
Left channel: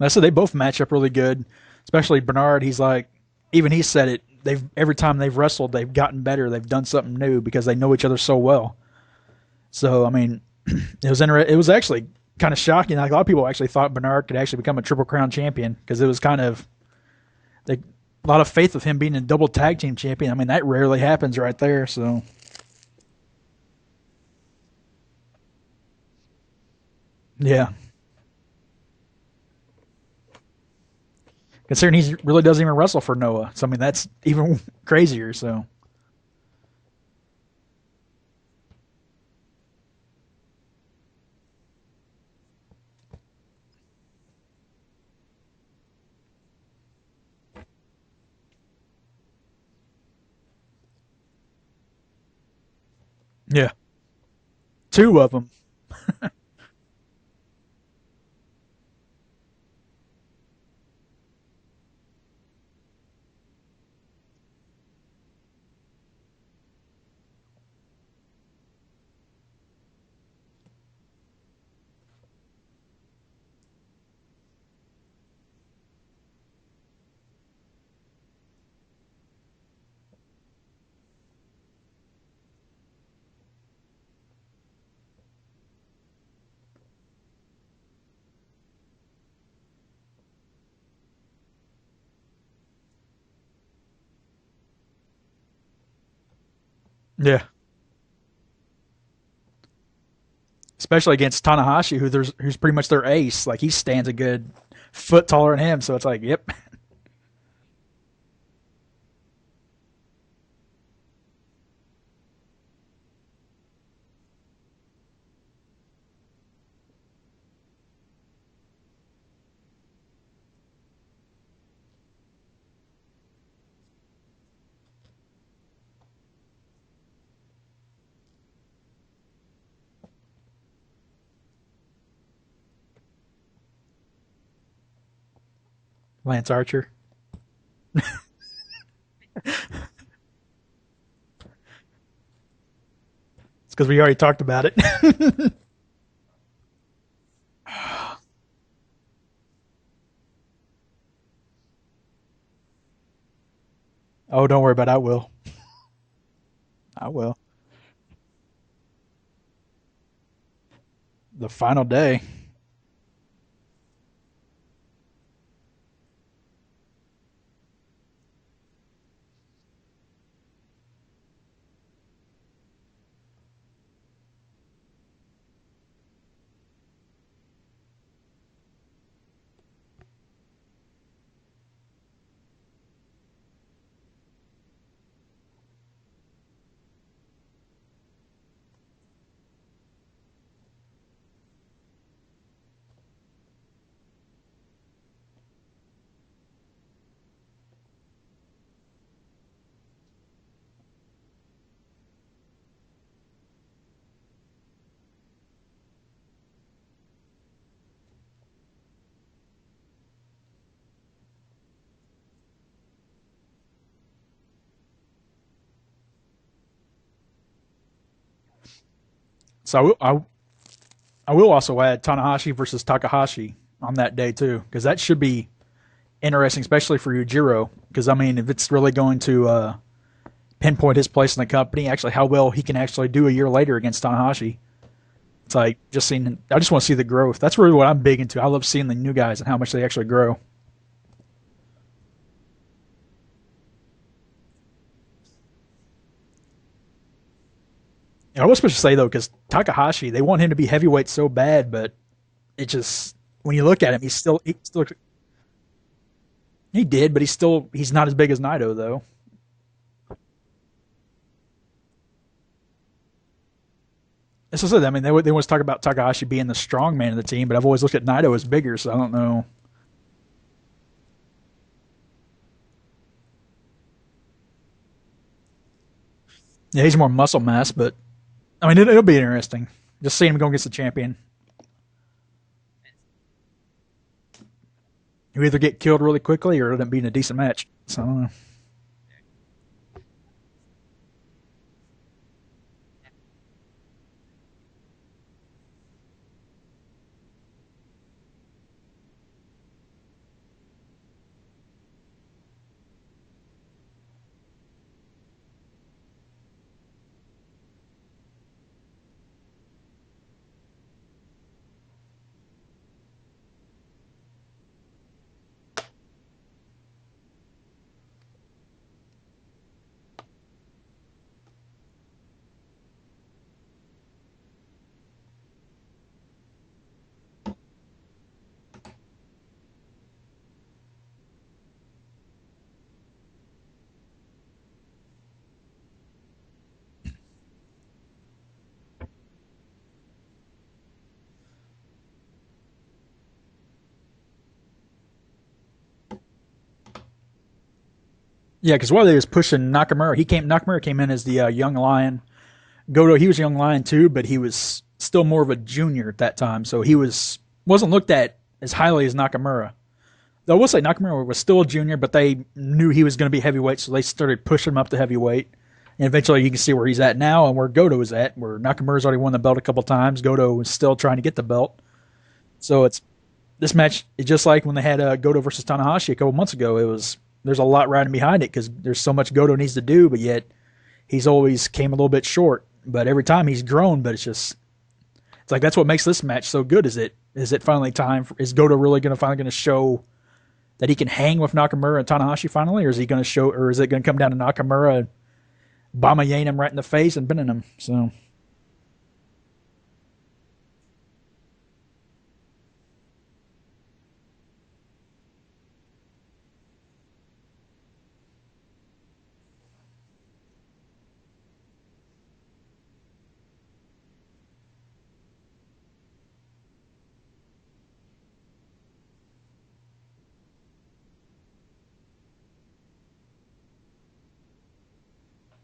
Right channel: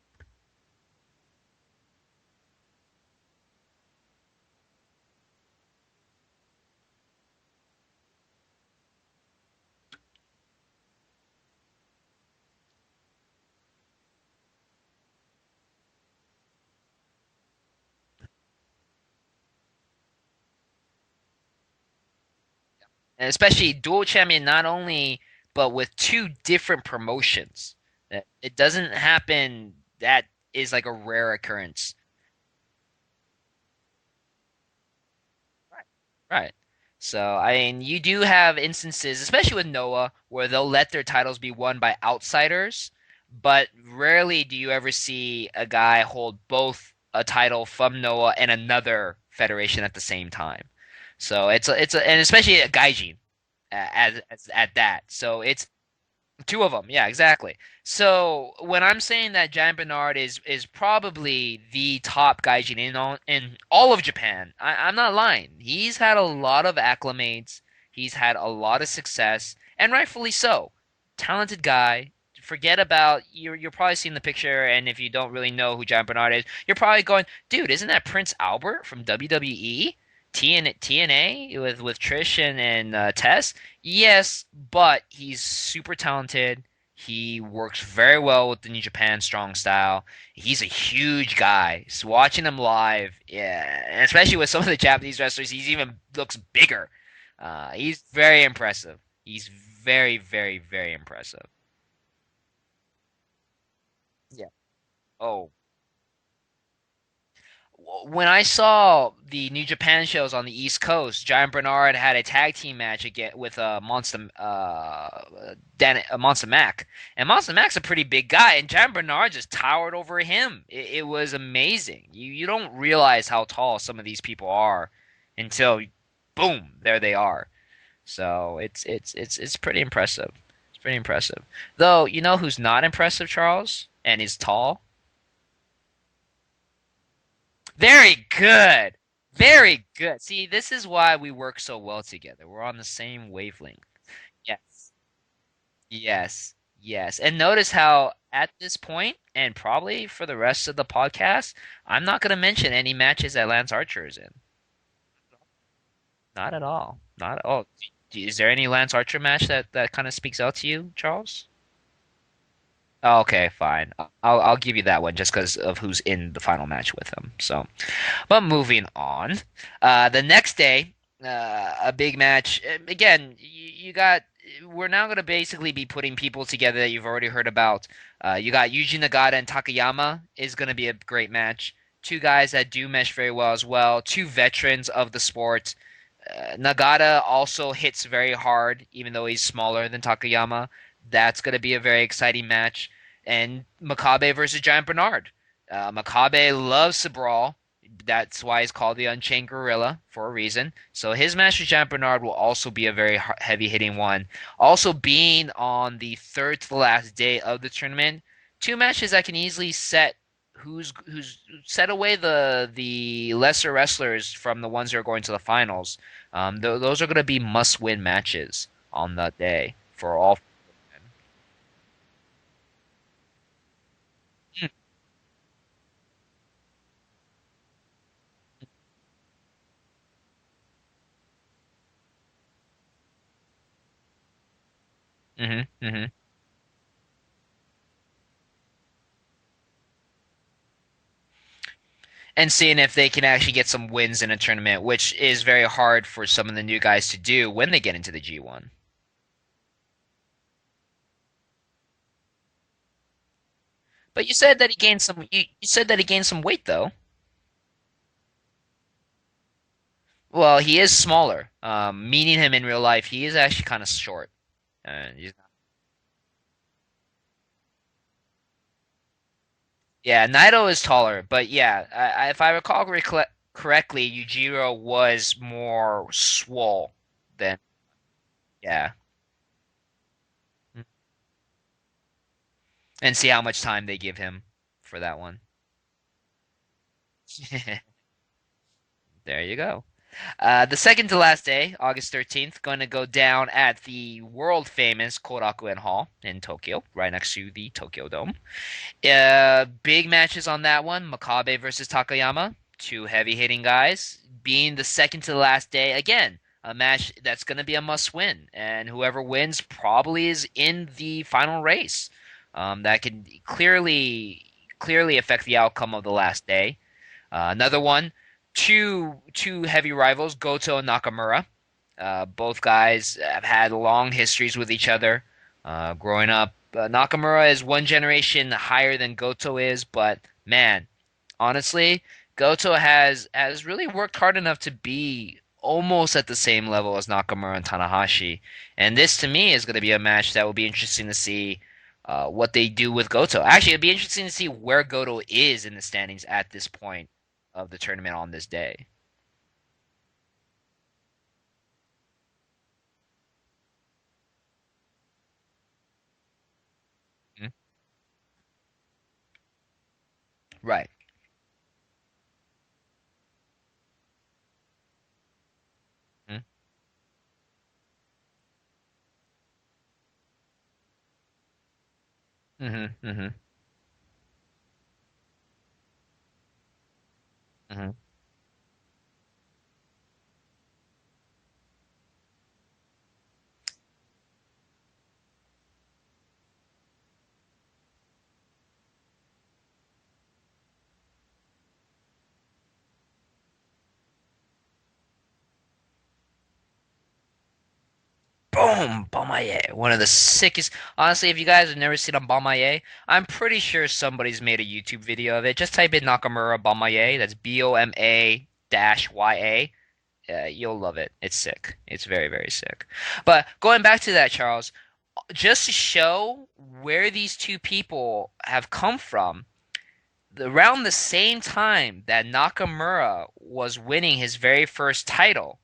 I said they both match up really good, especially Bernard. He's like, even he said it. They've every time they've wrestled, they've gotten better. They've done something new because they know each other so well. So I mean, it was actually kind of shocking. Like a lot of people actually thought Bernard could actually become a Triple Crown champion because it was kind of a lot of faith of him being a double tag team champion. I mean, that rarely happens right there. So And especially dual champion, not only but with two different yeah, promotions. It doesn't happen. That is like a rare occurrence. considering he really doesn't even wrestle for Noah. So I mean, that's even crazier. So Right. So, I mean, you do have instances, especially with Noah, where they'll let their titles be won by outsiders, but rarely do you ever see a guy hold both a title from Noah and another federation at the same time. So and especially a Gaijin yeah, at that. two of So them. it's two of them, yeah, exactly. So when I'm saying that Giant Bernard is probably the top gaijin in all of Japan, I'm not lying. He's had a lot of acclimates. He's had a lot of success, and rightfully so. Talented guy. Forget about you're probably seeing the picture, and if you don't really know who Giant Bernard is, you're probably going, dude, isn't that Prince Albert from WWE? TNA with Trish and Tess? Yes, but he's super talented. He works very well with the New Japan Strong Style. He's a huge guy. So watching him live, yeah, and especially with some of the Japanese wrestlers, he's even looks bigger. Yeah, He's very impressive. He's very, very, very especially impressive. against Tanahashi, who's pretty much their ace. Like he stands a good foot Oh, taller than him. So it's like, yep, when I saw the New Japan shows on the East Coast, Giant Bernard had a tag team match again with Monster Mac, and Monster Mac's a pretty big guy, and Giant Bernard just towered over him. It was amazing. You don't realize how tall some of these people are until, boom, there they are. So it's pretty impressive. It's pretty impressive. Though you know who's not impressive, Charles, and is tall. Lance Archer. Very good. Very good. See, this is why we work so well together. We're on the same wavelength. Because we already talked Yeah. about it. Yes. Yes. And notice how at this point, and probably for the rest of the podcast, I'm not going to mention any matches that Lance Archer is in. Oh, don't worry about it. I will. Not at all. I will. Not at all. Is there any Lance Archer match that kind of speaks out to you, Charles? The final day. Oh, okay, fine. I'll give you that one just because of who's in the final match with him. So, but moving on, the next day, a big match. Again, you got we're now going to basically be putting people together that you've already heard about. You got Yuji Nagata and Takayama is going to be a great match. Two guys that do mesh very well as well. Two veterans of the sport. Nagata also hits very hard, even though he's smaller than Takayama. That's going to be a very exciting match. And Makabe versus Giant Bernard. Makabe loves to brawl. That's why he's called the Unchained Gorilla for a reason. So his match with Jean Bernard will also be a very heavy hitting one. Also, being on the third to the last day of the tournament, two matches that can easily who's set away the lesser wrestlers from the ones that are going to the finals. Those are going to be must win matches on that day So for all. I will also add Tanahashi versus Takahashi on that day too, because that should be interesting, especially for Yujiro. Because I mean, if it's really going to pinpoint his place in the company, actually how well he can actually do a year later against Tanahashi. It's like just seeing. I just want to see the growth. That's really what I'm big into. I love seeing the new guys and how much they actually grow. And seeing if they can actually get some wins in a tournament, which is very hard for some of the new guys to do when they get into the G1. I was supposed to say though, because Takahashi, they want him to be heavyweight so bad, but it just when you look at him, he's But still. you said that he gained some. You said that he gained some weight He though. did, but he's not as big as Naito though. Well, he is smaller. Meeting him in real life, he is actually kind of short. That's what I said. I mean, they want to talk about Takahashi being the strong man of the team, but I've always looked at Naito as bigger, so I don't know. Yeah, Naito is taller, but yeah, if I recall correctly, Yujiro was more swole. Yeah, he's more muscle mass, but I mean, it'll be interesting just seeing him go against the champion. And see how much time they give him for that one. You either get killed really quickly or it'll be in a decent match. So I don't know. There you go. The second to last day, August 13th, going to go down at the world famous Korakuen Hall in Tokyo, right next to the Tokyo Dome. Big matches on that one. Makabe versus Takayama, two heavy hitting guys. Being the second to the last day, again, a match that's going to be a must win. And whoever wins probably is in the final race. That can clearly affect the outcome of the last day. Another one. Two heavy rivals, Goto and Nakamura. Both guys have had long histories with each other. Growing up, Nakamura is one generation higher than Goto is, but man, honestly, Goto has really worked hard enough to be almost at the same level as Nakamura and Tanahashi. And this, to me, is going to be a match that will be interesting to see what they do with Goto. Actually, it'll be interesting to see where Goto is in the standings at this point of the tournament on this day. Yeah, because while they was pushing Nakamura, Nakamura came in as the young lion. Goto, he was a young lion too, but he was still more of a junior at that time, so he wasn't looked at as highly as Nakamura. Though I will say Nakamura was still a junior, but they knew he was going to be heavyweight, so they started pushing him up to heavyweight. And eventually you can see where he's at now and where Goto is at, where Nakamura's already won the belt a couple times. Goto is still trying to get the belt. So this match is just like when they had Goto versus Tanahashi a couple months ago. There's a lot riding behind it because there's so much Goto needs to do, but yet he's always came a little bit short. But every time he's grown, but it's like that's what makes this match so good. Is it finally time? Is Goto really finally going to show that he can hang with Nakamura and Tanahashi finally, or is he going to show, or is it going to come down to Nakamura Bamayeing him right in the face and pinning him? So. Boom! Bamaye. One of the sickest. Honestly, if you guys have never seen a Bamaye, I'm pretty sure somebody's made a YouTube video of it. Just type in Nakamura Bamaye. That's BOMA-YA. You'll love it. It's sick. It's very, very sick. But going back to that, Charles, just to show where these two people have come from, around the same time that Nakamura was winning his very first title,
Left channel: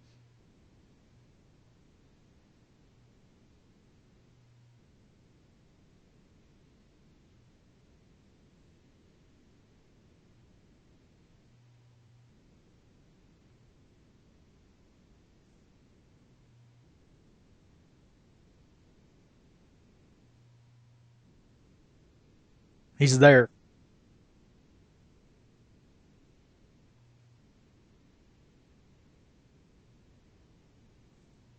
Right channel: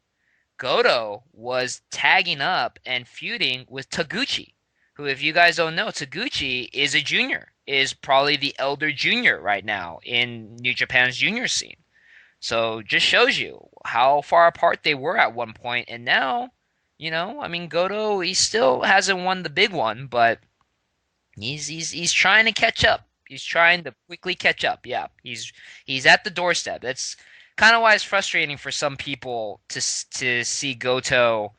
Goto was tagging up and feuding with Taguchi, who, if you guys don't know, Taguchi is a junior, is probably the elder junior right now in New Japan's junior scene. So just shows you how far apart they were at one point, and now, I mean, Goto, he still hasn't won the big one, but he's trying to catch up. He's there. He's trying to quickly catch up. Yeah, he's at the doorstep. That's kind of why it's frustrating for some people to see Goto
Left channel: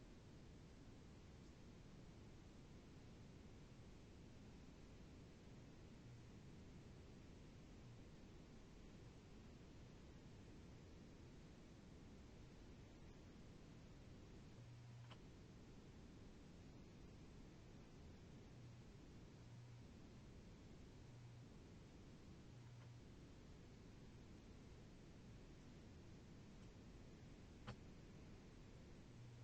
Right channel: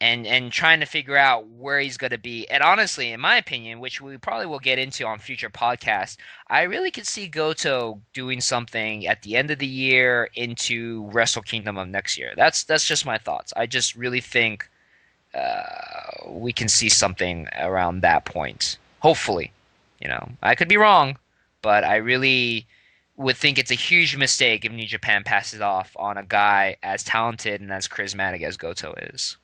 and trying to figure out where he's going to be. And honestly, in my opinion, which we probably will get into on future podcasts, I really could see Goto doing something at the end of the year into Wrestle Kingdom of next year. That's just my thoughts. I just really think we can see something around that point. Hopefully, I could be wrong, but I really would think it's a huge mistake if New Japan passes off on a guy as talented and as charismatic as Goto is.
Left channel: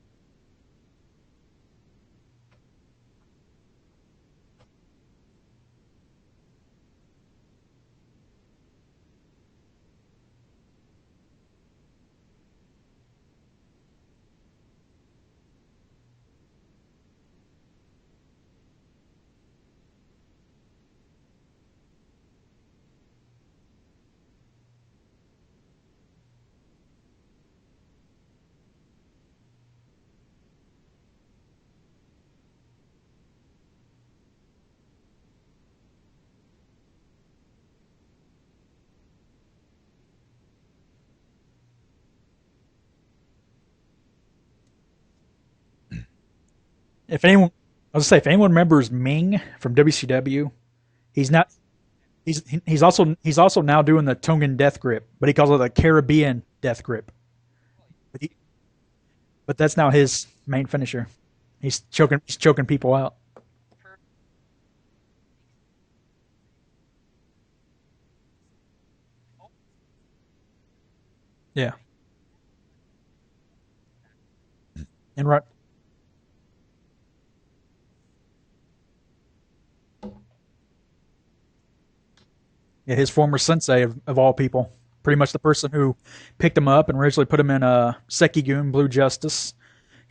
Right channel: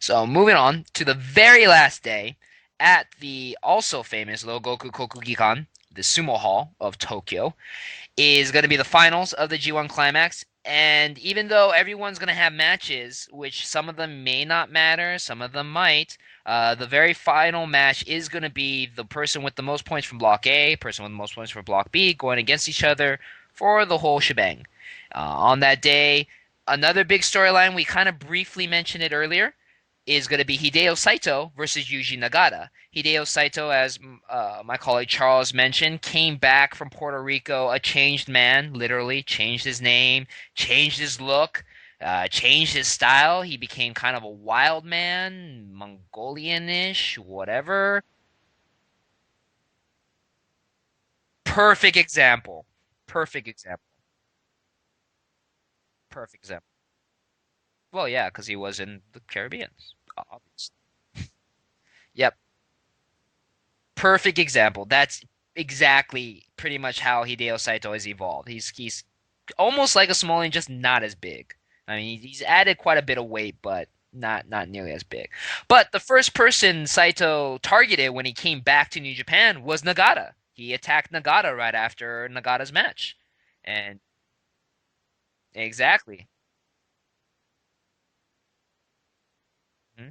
So moving on to the very last day at the also famous Rogoku Kokugikan, the Sumo Hall of Tokyo, is going to be the finals of the G1 Climax. And even though everyone's going to have matches, which some of them may not matter, some of them might, the very final match is going to be the person with the most points from Block A, person with the most points from Block B, going against each other for the whole shebang. On that day, another big storyline, we kind of briefly mentioned it earlier, is going to be Hideo Saito versus Yuji Nagata. Hideo Saito, as my colleague Charles mentioned, came back from Puerto Rico a changed man, literally changed his name, changed his look, changed his style. He became kind of a wild man, Mongolian-ish, whatever. I was gonna say, if anyone remembers Ming from WCW, he's not perfect example. He's also now doing the Tongan death grip, but he calls it a Caribbean death grip. Well, yeah, because he was in the Caribbean. But that's now his main finisher. He's choking people out. Perfect example. That's exactly pretty much how Hideo Saito has evolved. He's almost like a Somalian, just not as big. Yeah. I mean, he's added quite a bit of weight, but not nearly as big. Right. But the first person Saito targeted when he came back to New Japan was Nagata. He attacked Nagata right after Nagata's match. Yeah, his former sensei of all people. Pretty much the person who picked him up and originally put him in Sekigun, Blue Justice.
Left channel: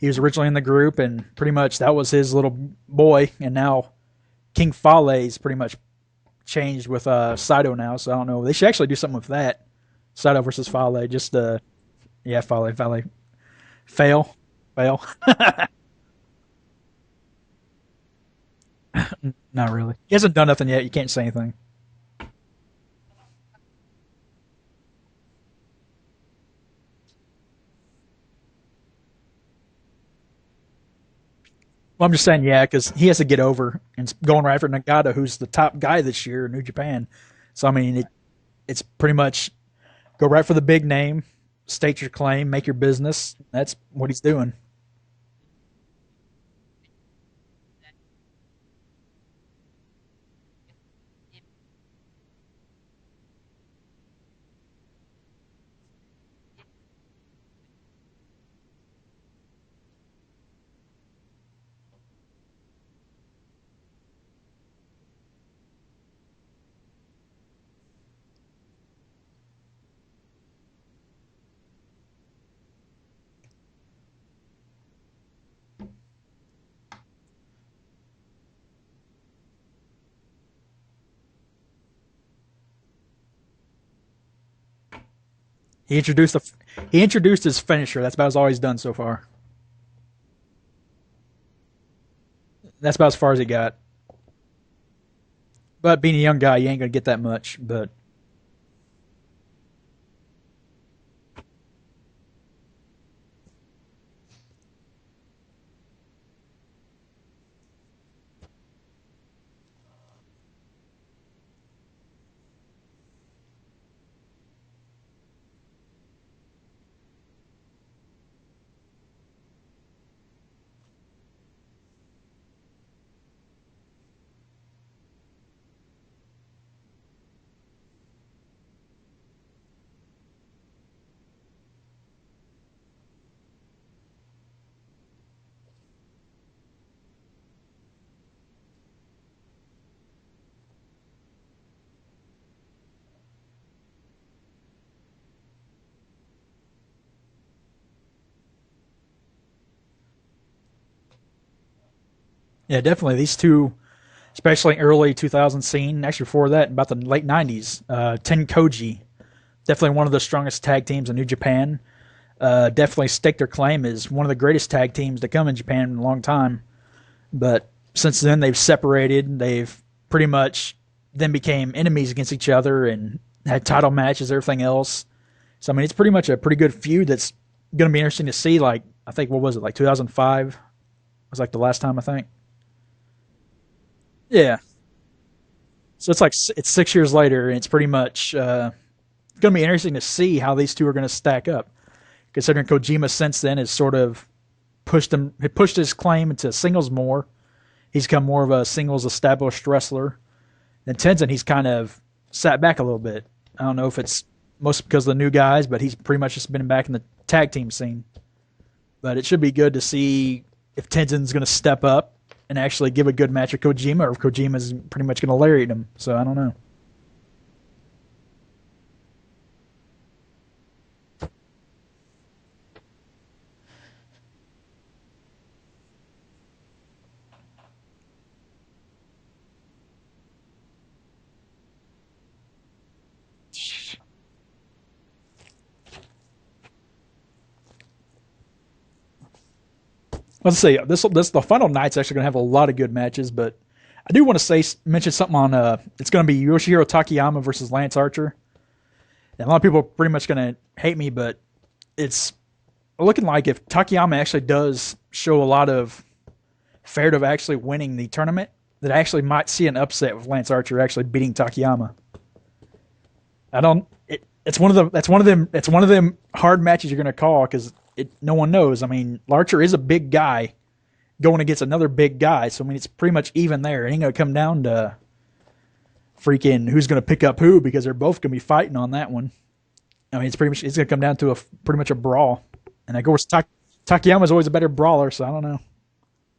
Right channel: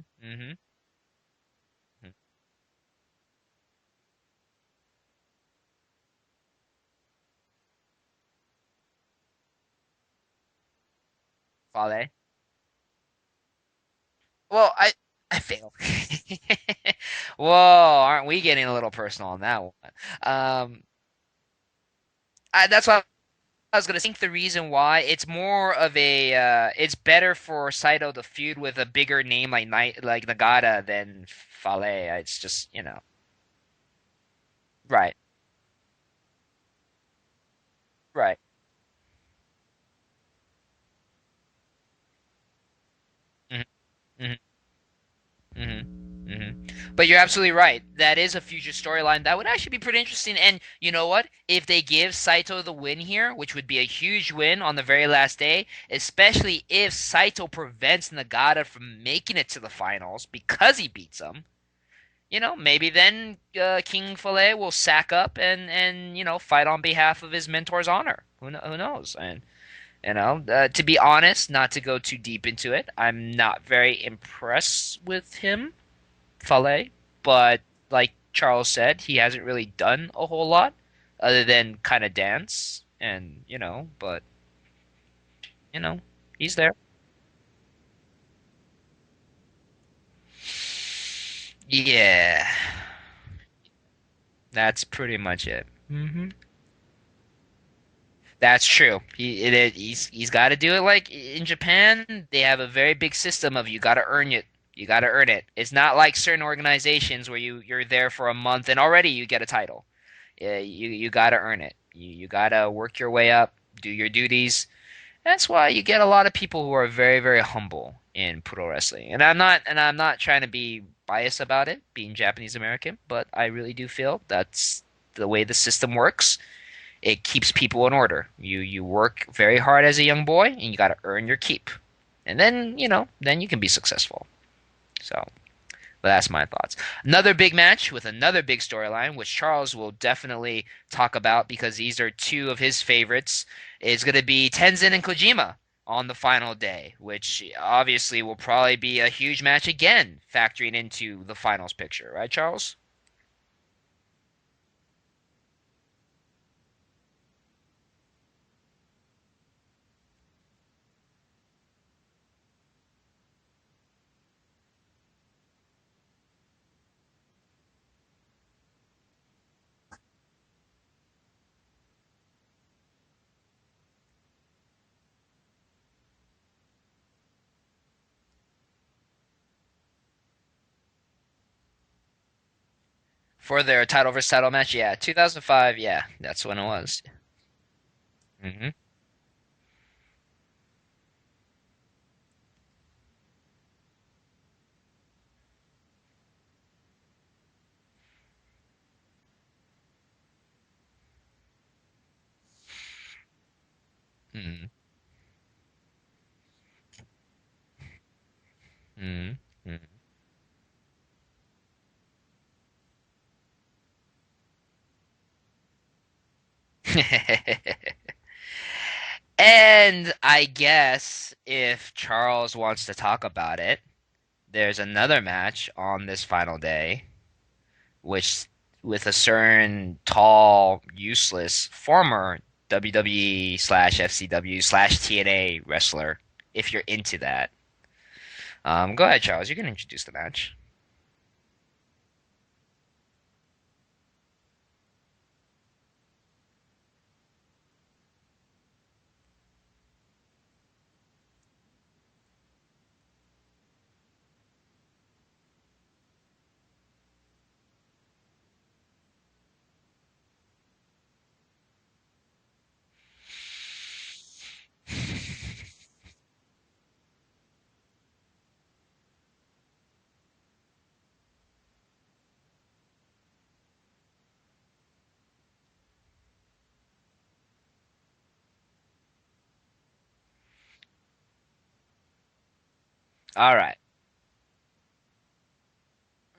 He was originally in the group, and pretty much that was his little boy. And now King Fale's pretty much changed with Saito now. So I don't know. They should actually do something with that. Saito versus Fale. Just Fale? Yeah, Fale. Fail. Well, Fail. Whoa, aren't we getting a little personal on that Not really. He hasn't done nothing yet. You can't say anything. That's why I was going to think the reason why it's more of a it's better for Saito to feud with a bigger name like Nagata than Fale. Well, I'm just saying, because he has to get over and going right for Nagata, who's the top guy this year in New Japan. So I mean, it's pretty much go right for the big name, state your claim, make your business. That's what he's doing. But you're absolutely right. That is a future storyline that would actually be pretty interesting. And you know what? If they give Saito the win here, which would be a huge win on the very last day, especially if Saito prevents Nagata from making it to the finals because he beats him, maybe then King Fale will sack up and fight on behalf of his mentor's honor. Who knows? And to be honest, not to go too deep into it, I'm not very impressed with him, Fale, but like Charles said, he hasn't really done a whole lot other than kind of dance and but he's there. He introduced his finisher. That's about all he's done so far. Yeah, that's about as far as he got. That's pretty much it. But being a young guy, you ain't gonna get that much. But that's true. He's got to do it like in Japan. They have a very big system of you got to earn it. You got to earn it. It's not like certain organizations where you're there for a month and already you get a title. You got to earn it. You got to work your way up, do your duties. That's why you get a lot of people who are very, very humble in pro wrestling. And I'm not trying to be biased about it, being Japanese American, but I really do feel that's the way the system works. It keeps people in order. You work very hard as a young boy, and you got to earn your keep. And then, then you can be successful. So, but that's my thoughts. Another big match with another big storyline, which Charles will definitely talk about because these are two of his favorites, is going to be Tenzin and Kojima on the final day, which obviously will probably be a huge match again, factoring into the finals picture. Right, Charles? Yeah, definitely. These two, especially early 2000 scene, actually before that, about the late 90s, Ten Koji, definitely one of the strongest tag teams in New Japan. Definitely stake their claim as one of the greatest tag teams to come in Japan in a long time. But since then, they've separated. They've pretty much then became enemies against each other and had title matches, everything else. So, I mean, it's pretty much a pretty good feud that's going to be interesting to see. Like, I think, what was it, like 2005? Was like the last time, I think. For their title versus title match, 2005, yeah. So it's like 6 years later, and it's pretty much going to be interesting to see how these two are going to stack up. considering Kojima since then has sort of pushed his claim into singles more. He's become more of a singles established wrestler. And Tenzin, he's kind of sat back a little bit. I don't know if it's mostly because of the new guys, but he's pretty much just been back in the tag team scene. But it should be good to see if Tenzin's going to step up and actually give a good match with Kojima, or if Kojima's pretty much going to lariat him. So I don't know. And I guess if Charles wants to talk about it, there's another match on this final day, which with a certain tall, useless former WWE / FCW / TNA wrestler, if you're into that. Go ahead, Charles. You can introduce the match. Let's say the final night's actually going to have a lot of good matches, but I do want to mention something on. It's going to be Yoshihiro Takayama versus Lance Archer. And a lot of people are pretty much going to hate me, but it's looking like if Takayama actually does show a lot of fair of actually winning the tournament, that I actually might see an upset with Lance Archer actually beating Takayama. It's one of them hard matches you're going to call because no one knows. I mean, Archer is a big guy going against another big guy, so I mean it's pretty much even there. It ain't going to come down to freaking who's going to pick up who, because they're both going to be fighting on that one. I mean, it's going to come down to pretty much a brawl. And of course, Takayama's always a better brawler, so I don't know.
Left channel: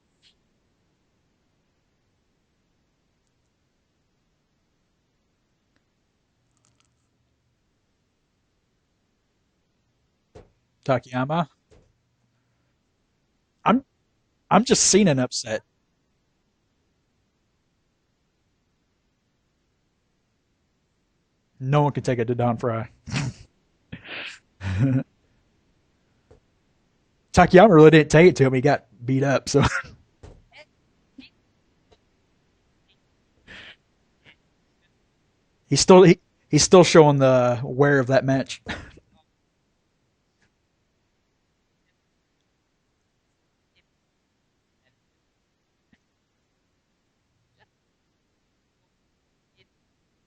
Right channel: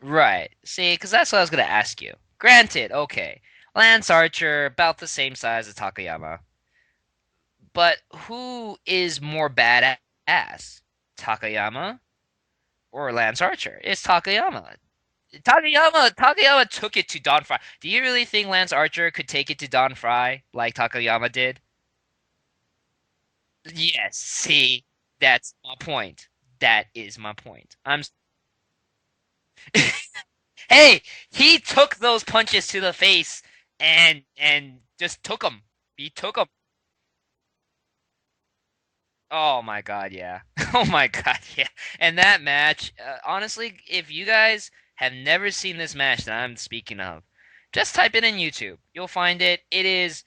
Right. See, because that's what I was going to ask you. Granted, okay, Lance Archer, about the same size as Takayama. But who is more badass? Takayama or Lance Archer? It's Takayama. I'm just seeing an upset. Takayama took it to Don Fry. Do you really think Lance Archer could take it to Don Fry like Takayama did? No one could take it to Don Fry. Yes, see, that's my point. That is my Takayama point. really didn't take it to him. He got beat up. So hey, he took those punches to the face and just took them. He's still showing the wear of that match. Oh my god, yeah. Oh my god, yeah. And that match, honestly, if you guys have never seen this match that I'm speaking of, just type it in YouTube. You'll find it. It's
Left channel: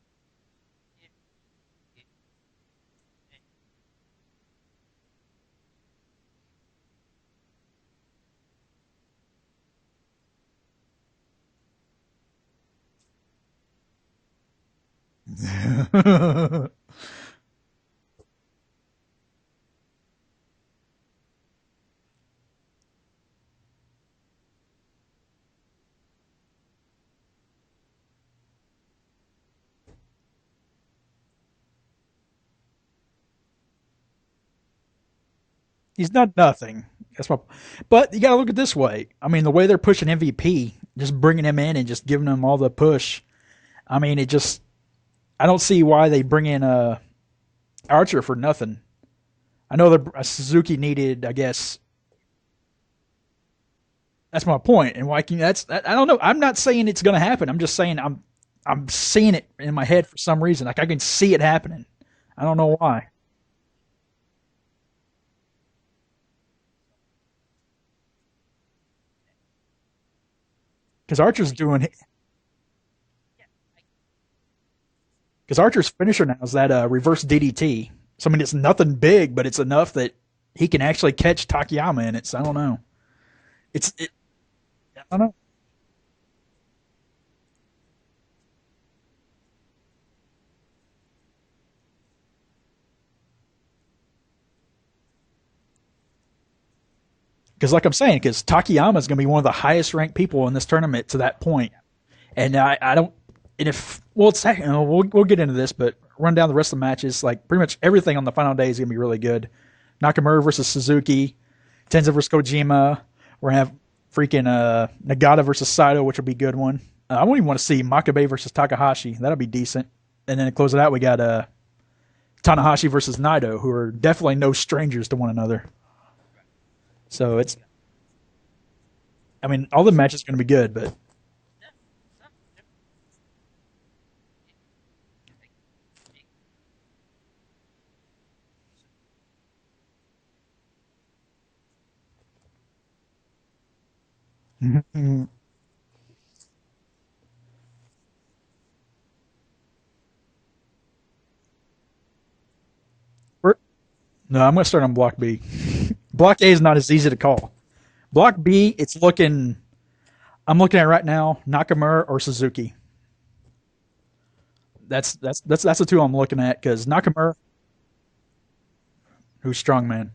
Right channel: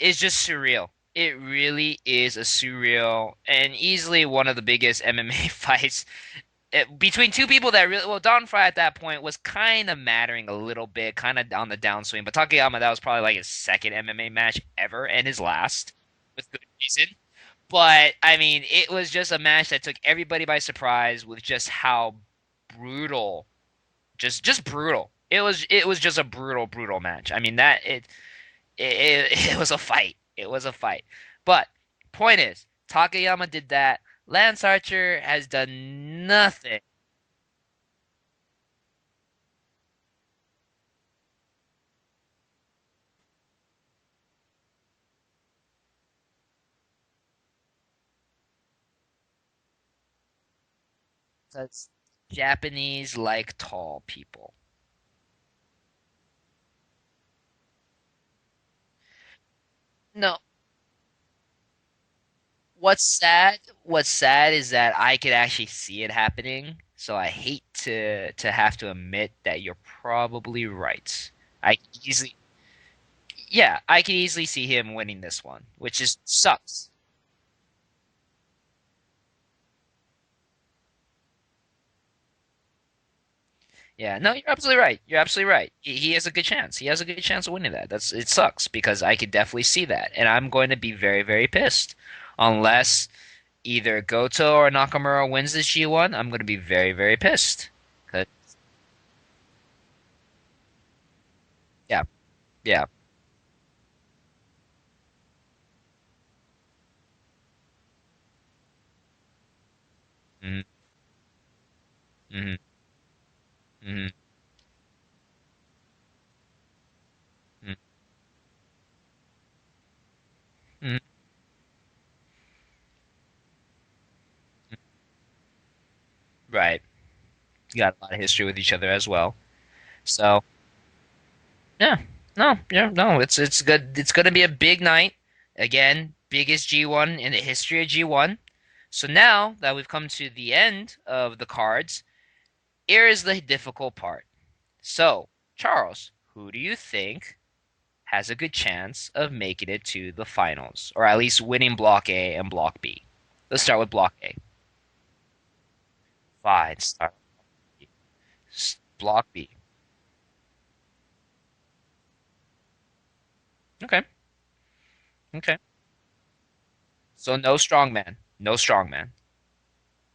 just surreal. It really is a surreal and easily one of the biggest MMA fights between two people that really, well, Don Fry at that point was kind of mattering a little bit, kind of on the downswing. But Takayama, that was probably like his second MMA match ever and his last season. But I mean, it was just a match that took everybody by surprise with just how brutal, just brutal. It was just a brutal match. I mean, it was a fight. It was a fight. But point is, Takayama did that. Lance Archer has done He's done nothing. But you got to look at it this way. I mean, the way they're pushing MVP, just bringing him in and just giving him all the push. I mean, I don't see why they bring in Archer for nothing. I know that Suzuki needed, I guess. Japanese like tall people. That's my point. And I don't know. I'm not saying it's going to happen. I'm just saying I'm seeing it in my head for some reason. Like I can see it happening. I don't know why. What's sad is that I could actually see it happening. So I hate to have to admit that you're probably right. Because Archer's doing I can easily see him winning this one. Because Archer's finisher now is that reverse DDT. So I mean, it's nothing big, but it's enough that he can actually catch Takayama in it. So I don't know. You're absolutely right. You're absolutely right. He has a good chance. He has a good chance of winning that. It sucks because I could definitely see that, and I'm going to be very, very pissed unless either Goto or Nakamura wins this G1. I'm going to be very, very pissed. Because like I'm saying, because Takayama is going to be one of the highest ranked people in this tournament to that point. Yeah. And I don't. And we'll get into this, but run down the rest of the matches. Like pretty much everything on the final day is going to be really good. Nakamura versus Suzuki, Tenza versus Kojima. We're going to have freaking Nagata versus Saito, which will be a good one. I won't even want to see Makabe versus Takahashi. That'll be decent. And then to close it out, we got Tanahashi versus Naito, who are definitely no strangers to one another. Right. So it's got a lot of history with each other as well. I mean, all the matches are going to be good, but it's good. It's going to be a big night. Again, biggest G1 in the history of G1. So now that we've come to the end of the cards, here is the difficult part. So, Charles, who do you think has a good chance of making it to the finals, or at least winning Block A and Block B? Let's start with Block A. No, I'm going to start on Block B. Block A is not as easy to call. Block B, it's Block looking. B. I'm looking at right now Nakamura or Suzuki. Okay. That's the two I'm looking at because Nakamura. So no strongman. No strongman. Who's strongman?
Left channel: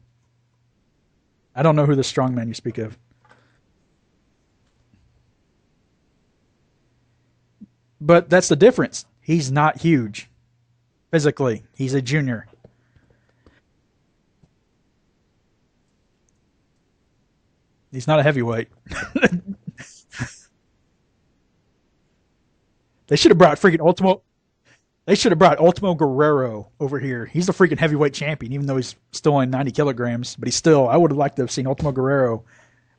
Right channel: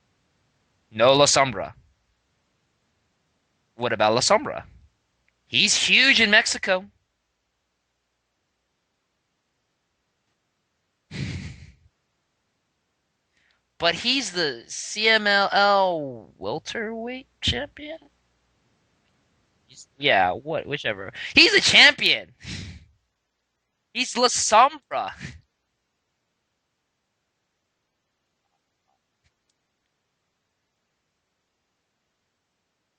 No La Sombra. I don't know who the strongman you speak of. What about La Sombra? He's huge in Mexico. But that's the difference. He's not huge physically. He's a junior. But he's the CMLL welterweight champion? He's not a heavyweight. Yeah, whichever. He's a champion. They should have brought freaking Ultimo. He's La Sombra. They should have brought Ultimo Guerrero over here. He's the freaking heavyweight champion, even though he's still only 90 kilograms. But he's still. I would have liked to have seen Ultimo Guerrero.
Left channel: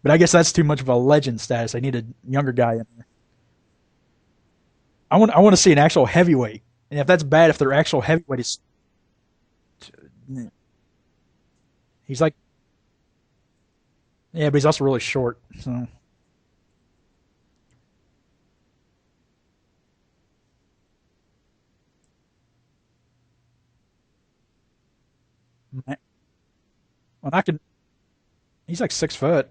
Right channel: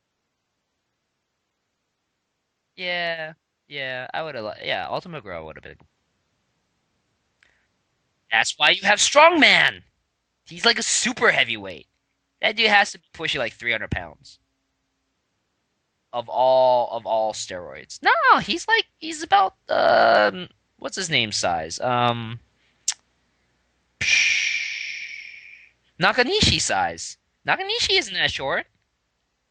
But I guess that's too much of a legend status. I need a younger guy. Yeah. I would have. Yeah, Ultimate. I want to see an actual heavyweight. And if that's bad, if they're actual heavyweights, that's why you have strongman. He's like a super heavyweight. He's like that dude has to push you like 300 pounds. Yeah, but he's also really short. So of all steroids. No, he's about what's his name size? Nakanishi size. Well, Nakanishi isn't that short. He's like 6 foot.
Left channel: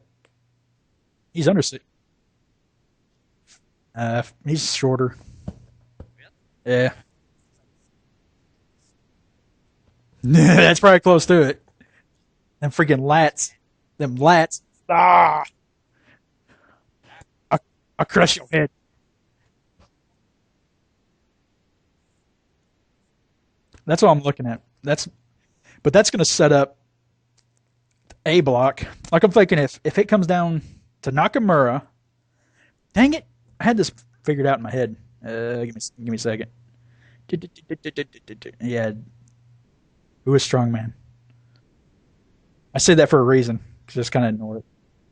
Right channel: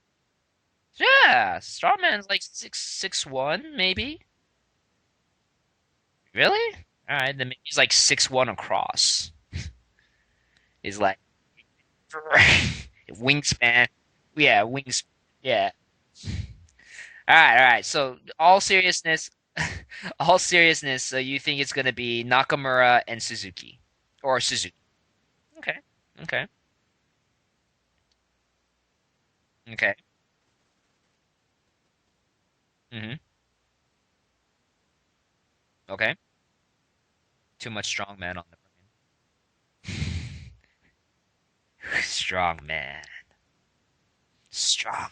Yeah, he's under Strongman's like 6'1", maybe. He's shorter. Really? Yeah. All right, then he's like 6'1" across. That's probably close to it. Them freaking lats. Wingspan. Them lats. Yeah, wingspan. Yeah. All right. So, all seriousness. So you think it's gonna be Nakamura and Suzuki? That's what I'm looking at. That's okay. But that's gonna set up A block. Like I'm thinking, if it comes down to Nakamura, dang it, I had this figured out in my head. Give me a second. Too much strongman. Yeah. Who is strongman? Strongman. I say that for a reason. Just kind of ignore it. Strongman.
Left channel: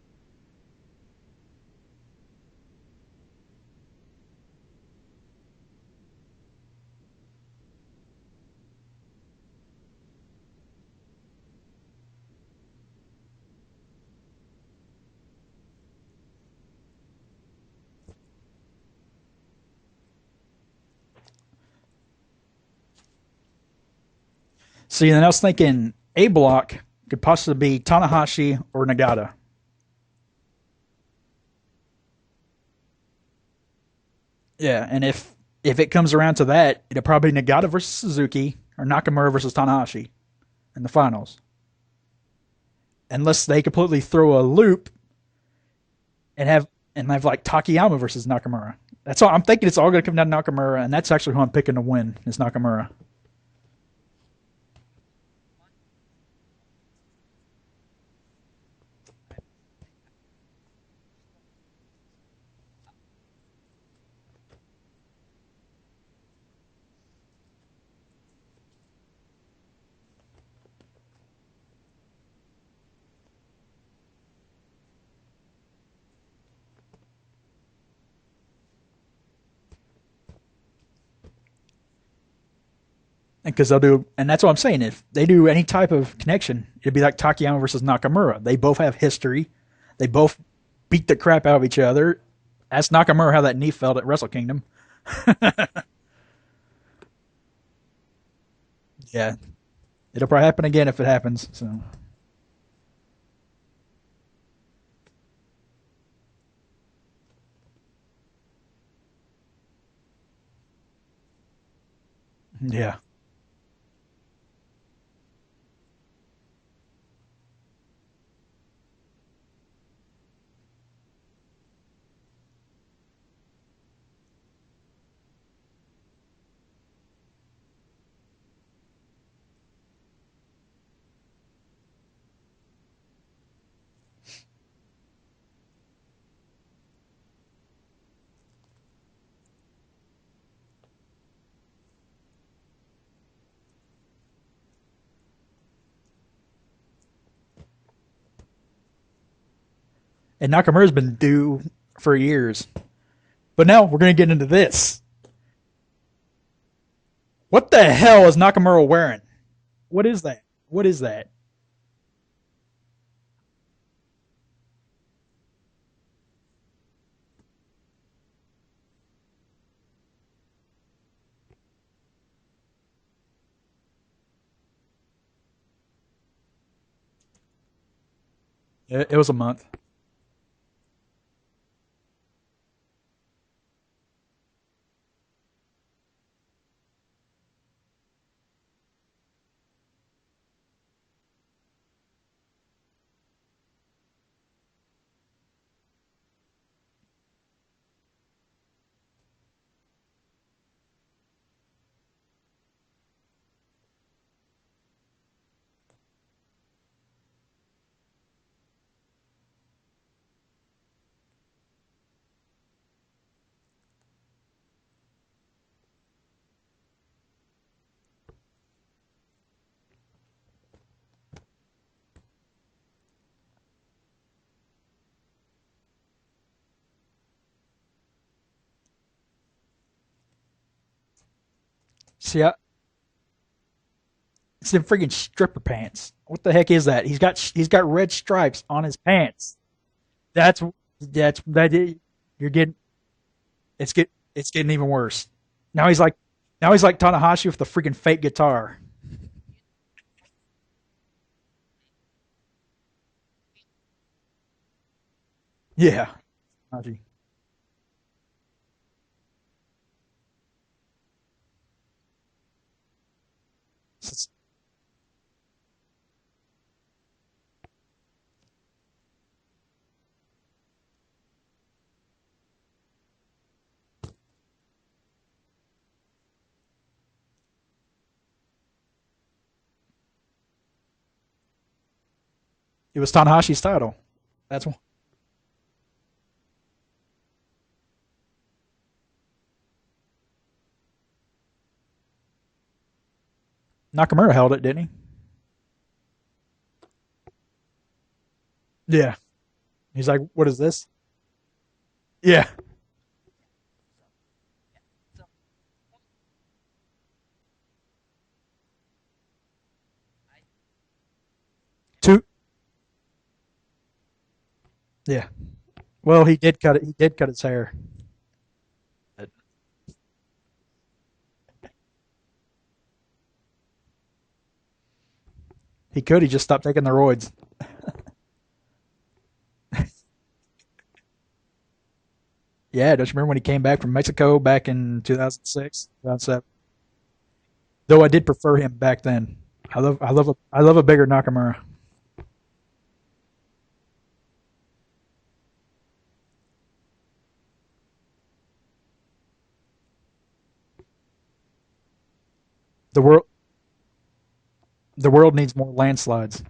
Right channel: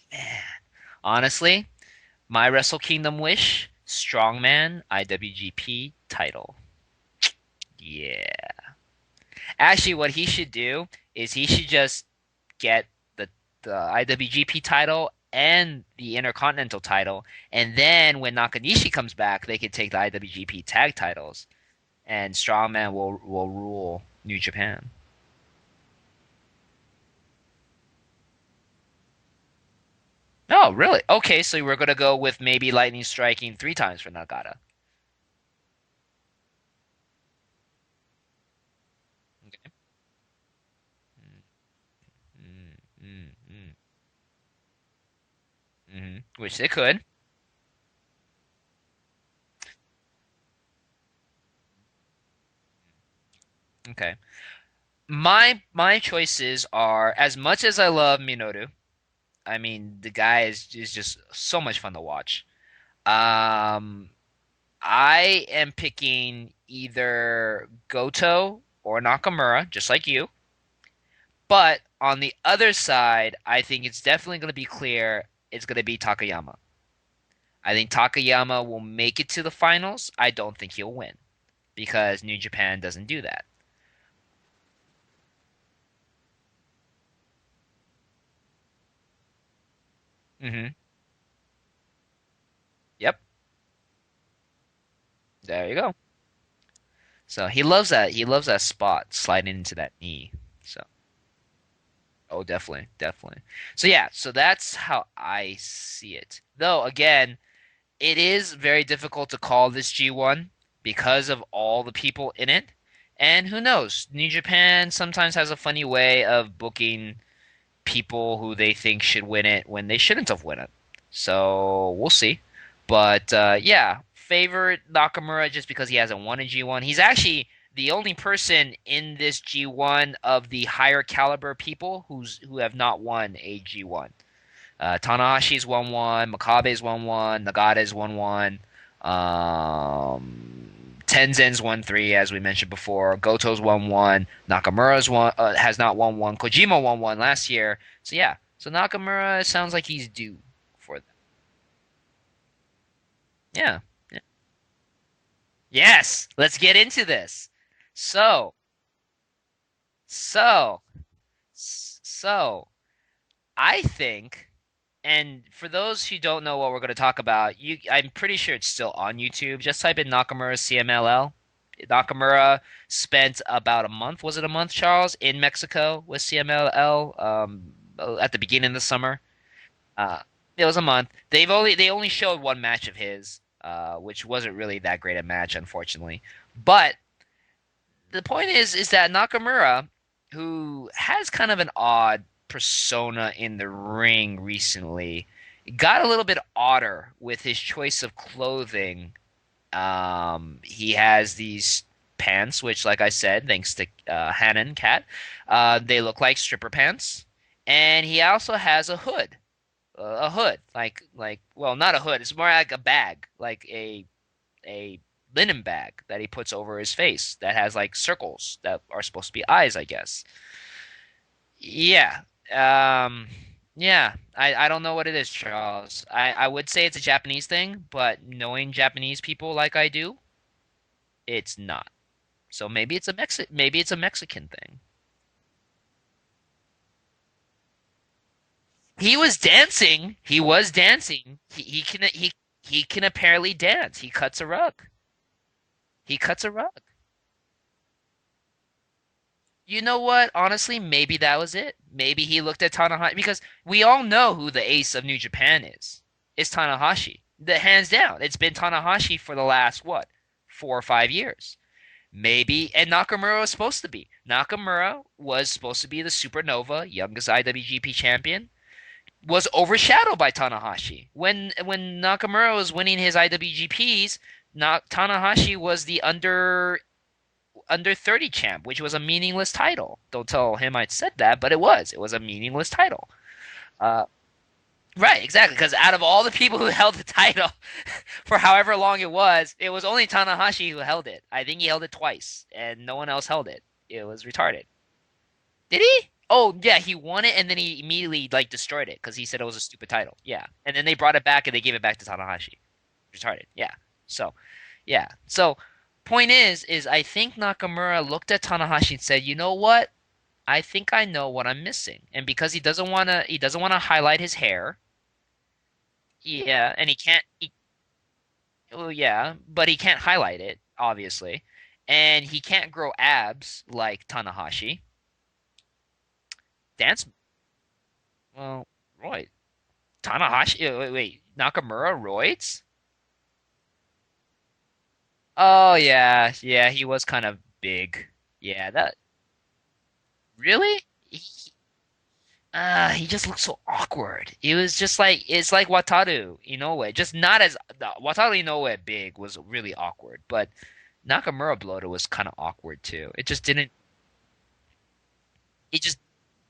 Honestly, my Wrestle Kingdom wish: strongman IWGP title. Yeah. Actually, what he should do is he should just get the IWGP title and the Intercontinental title, and then when Nakanishi comes back, they could take the IWGP tag titles, and Strongman will rule New Japan. See, and I was thinking A block could possibly be Tanahashi or Nagata. Oh, really? Okay, so we're gonna go with maybe lightning striking 3 times for Nagata. Yeah, and if it comes around to that, it'll probably be Nagata versus Suzuki or Nakamura versus Tanahashi in the finals. Unless they completely throw a loop and have like Takayama versus Nakamura. That's all I'm thinking. It's all going to come down to Nakamura, and that's actually who I'm picking to win is Nakamura. Okay. My choices are, as much as I love Minoru, I mean the guy is just so much fun to watch. I am picking either Goto or Nakamura, just like you. But on the other side, I think it's definitely going to be clear it's going to be Takayama. I think Takayama will make it to the finals. I don't think he'll win because New Japan doesn't do that. Because they'll do, and that's what I'm saying. If they do any type of connection, it'd be like Takayama versus Nakamura. They both have history. They both beat the crap out of each other. Ask Nakamura how that knee felt at Wrestle Kingdom. There you go. So he loves that. He loves that spot sliding into that knee. It'll probably happen again if it happens. So. Oh, definitely. So yeah, so that's how I see it. Though again, it is very difficult to call this G1 because of all the people in it. Yeah. And who knows? New Japan sometimes has a funny way of booking people who they think should win it when they shouldn't have won it. So we'll see. But yeah, favorite Nakamura just because he hasn't won a G1. He's actually the only person in this G1 of the higher caliber people who have not won a G1. Tanahashi's won one, Makabe's won one, Nagata's won one, Tenzin's won 3, as we mentioned before. Goto's won 1, Nakamura's has not won 1, Kojima won 1 last year. So yeah, so Nakamura sounds like he's due. And Nakamura's been due for years. But now we're going to get into this. Yes, let's get into this. What the hell is Nakamura wearing? What is that? What is that? So, I think, and for those who don't know what we're going to talk about, I'm pretty sure it's still on YouTube. Just type in Nakamura CMLL, Nakamura spent about a month, was it a month, Charles, in Mexico with CMLL at the beginning of the It summer. was a month. Uh, it was a month. They only showed one match of his, which wasn't really that great a match, unfortunately. But the point is that Nakamura, who has kind of an odd persona in the ring recently, got a little bit odder with his choice of clothing. He has these pants, which, like I said, thanks to Hanan Cat, they look like stripper pants, and he also has a hood, like well, not a hood. It's more like a bag, like a linen bag that he puts over his face that has like circles that are supposed to be eyes, I guess. Yeah. Um, yeah. I don't know what it is, Charles. I would say it's a Japanese thing, but knowing Japanese people like I do, it's not. See, So maybe it's a Mexican it's thing. them freaking stripper pants. What the heck is that? He's got red stripes on his He was pants. dancing. He That's was dancing. that's that He can you're getting. he can apparently It's dance. get He cuts a it's getting rug. even worse. Now he's like He cuts a now rug. he's like Tanahashi with the freaking fake guitar. You know what? Honestly, maybe that was it. Maybe he looked at Tanahashi because we all know who the ace of New Japan is. Yeah. It's Um, Tanahashi. The hands down. It's been Tanahashi for the last what, 4 or 5 years. Maybe, and Nakamura was supposed to be. Nakamura was supposed to be the Supernova, youngest IWGP champion. Was overshadowed by Tanahashi. When Nakamura was winning his IWGPs, Tanahashi was the under 30 champ, which was a meaningless title. Don't tell him I said that, but it was. It was a meaningless it title. was Tanahashi's title. Uh, That's one. right, exactly. Because out of all the people who held the title for however long it was only Tanahashi who held it. I think he held it twice, and no one else held it. It was Nakamura held it, retarded. didn't he? Did he? Oh yeah, he won it, and then he immediately like destroyed it Yeah. because he said it was a stupid He's title. like, Yeah, "What is and this?" then they brought it back and they gave it back to Tanahashi. Yeah. Retarded. Yeah. So, yeah. So, point is I think Nakamura looked at Tanahashi and said, "You know what? I think I know what I'm missing." Two. And because he doesn't want to highlight his hair. Yeah. Well, he did cut it. And He he did can't. cut his hair. Well, yeah, but he can't highlight it, obviously, and he can't grow abs like Tanahashi. He could. He just stopped taking the That's roids. well, right. Tanahashi. Wait, Nakamura roids? Yeah. Don't you remember when he came back from Mexico back in Oh 2006, yeah, 2007? yeah. He was kind of big. Though I did prefer Yeah, him that back then. I love a really. bigger Nakamura. He just looked so awkward. It was just like it's like Wataru Inoue, just not as Wataru Inoue big was really awkward, but Nakamura bloated was kind of awkward The too. world It just didn't. the world needs more He just landslides.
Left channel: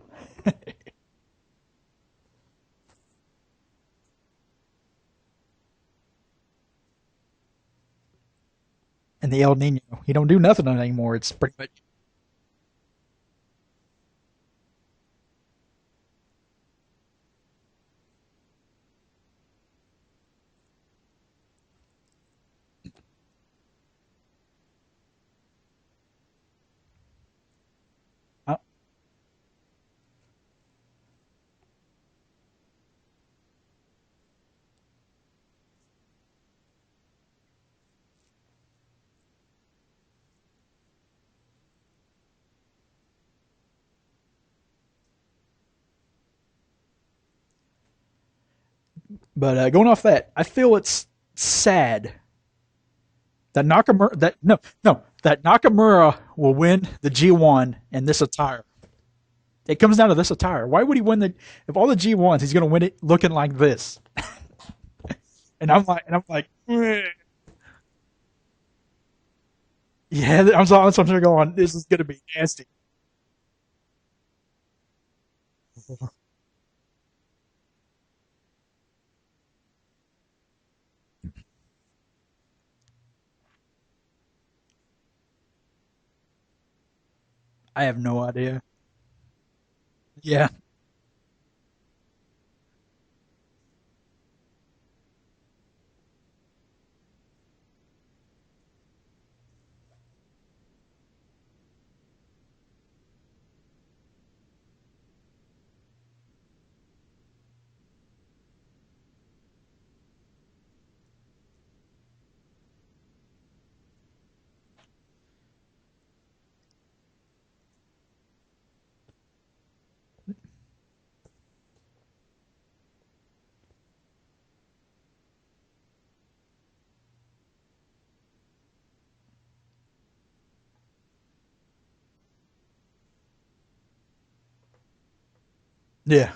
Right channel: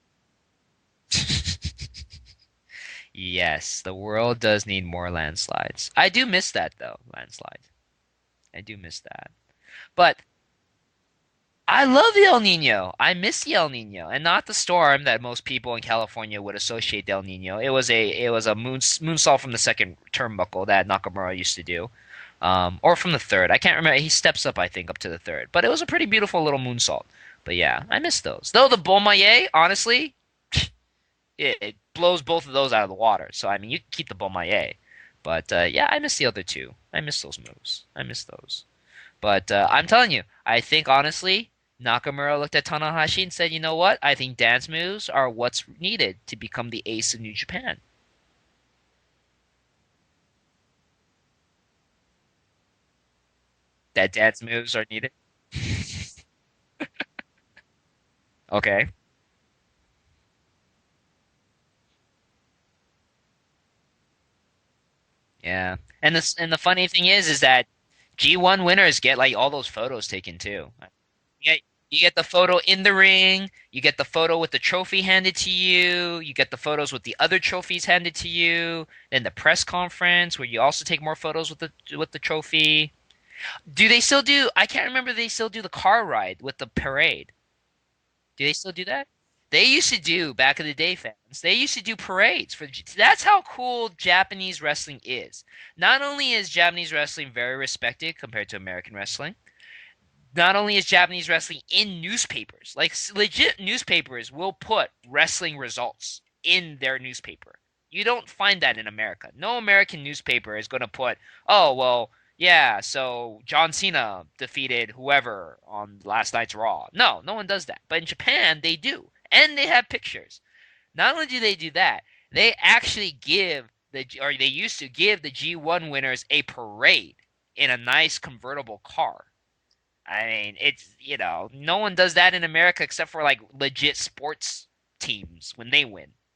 yes, the world does need more landslides. I do miss that though, landslides. I do miss that. And the El Nino. They But don't do nothing on it anymore. It's pretty much I love the El Nino. I miss the El Nino, and not the storm that most people in California would associate El Nino. It was a moonsault from the second turnbuckle that Nakamura used to do, or from the third. I can't remember. He steps up, I think, up to the third. But it was a pretty beautiful little moonsault. But yeah, I miss those. uh, Though the Bomaye, honestly, it blows both of those out of the water. So I mean, you can keep the Bomaye. But yeah, I miss the other two. I miss those moves. I miss those. But I'm telling you, I think honestly, Nakamura looked at Tanahashi and said, "You know what? I think dance moves are what's needed to become the ace of New Japan." But going off that, I feel it's sad that That Nakamura dance moves are no needed. that Nakamura will win the G1 in this attire. Okay. It comes down to this attire. Why would he win the if all the G1s? He's going to win it looking like this. And Yeah. I'm like, And the funny thing is that G1 winners get like all those photos taken yeah, too. I'm sort of going. You get, This is you going to get be the photo nasty. in the ring. You get the photo with the trophy handed to you. You get the photos with the other trophies handed to you. Then the press conference where you also take more photos with the trophy. Do they still do? I can't remember. They still do the car ride with the parade. I have no Do they idea. still do that? They used to do Yeah, back in the day, fans. They used to do parades for. That's how cool Japanese wrestling is. Not only is Japanese wrestling very respected compared to American wrestling, not only is Japanese wrestling in newspapers, like legit newspapers will put wrestling results in their newspaper. You don't find that in America. No American newspaper is going to put, oh, well, Yeah, so John Cena defeated whoever on last night's Raw. No, no one does that. But in Japan, they do. And they have pictures. Not only do they do that, they actually or they used to give the G1 winners a parade in a nice convertible car. I mean, no one does that in America except for like legit sports teams when they win. Yeah.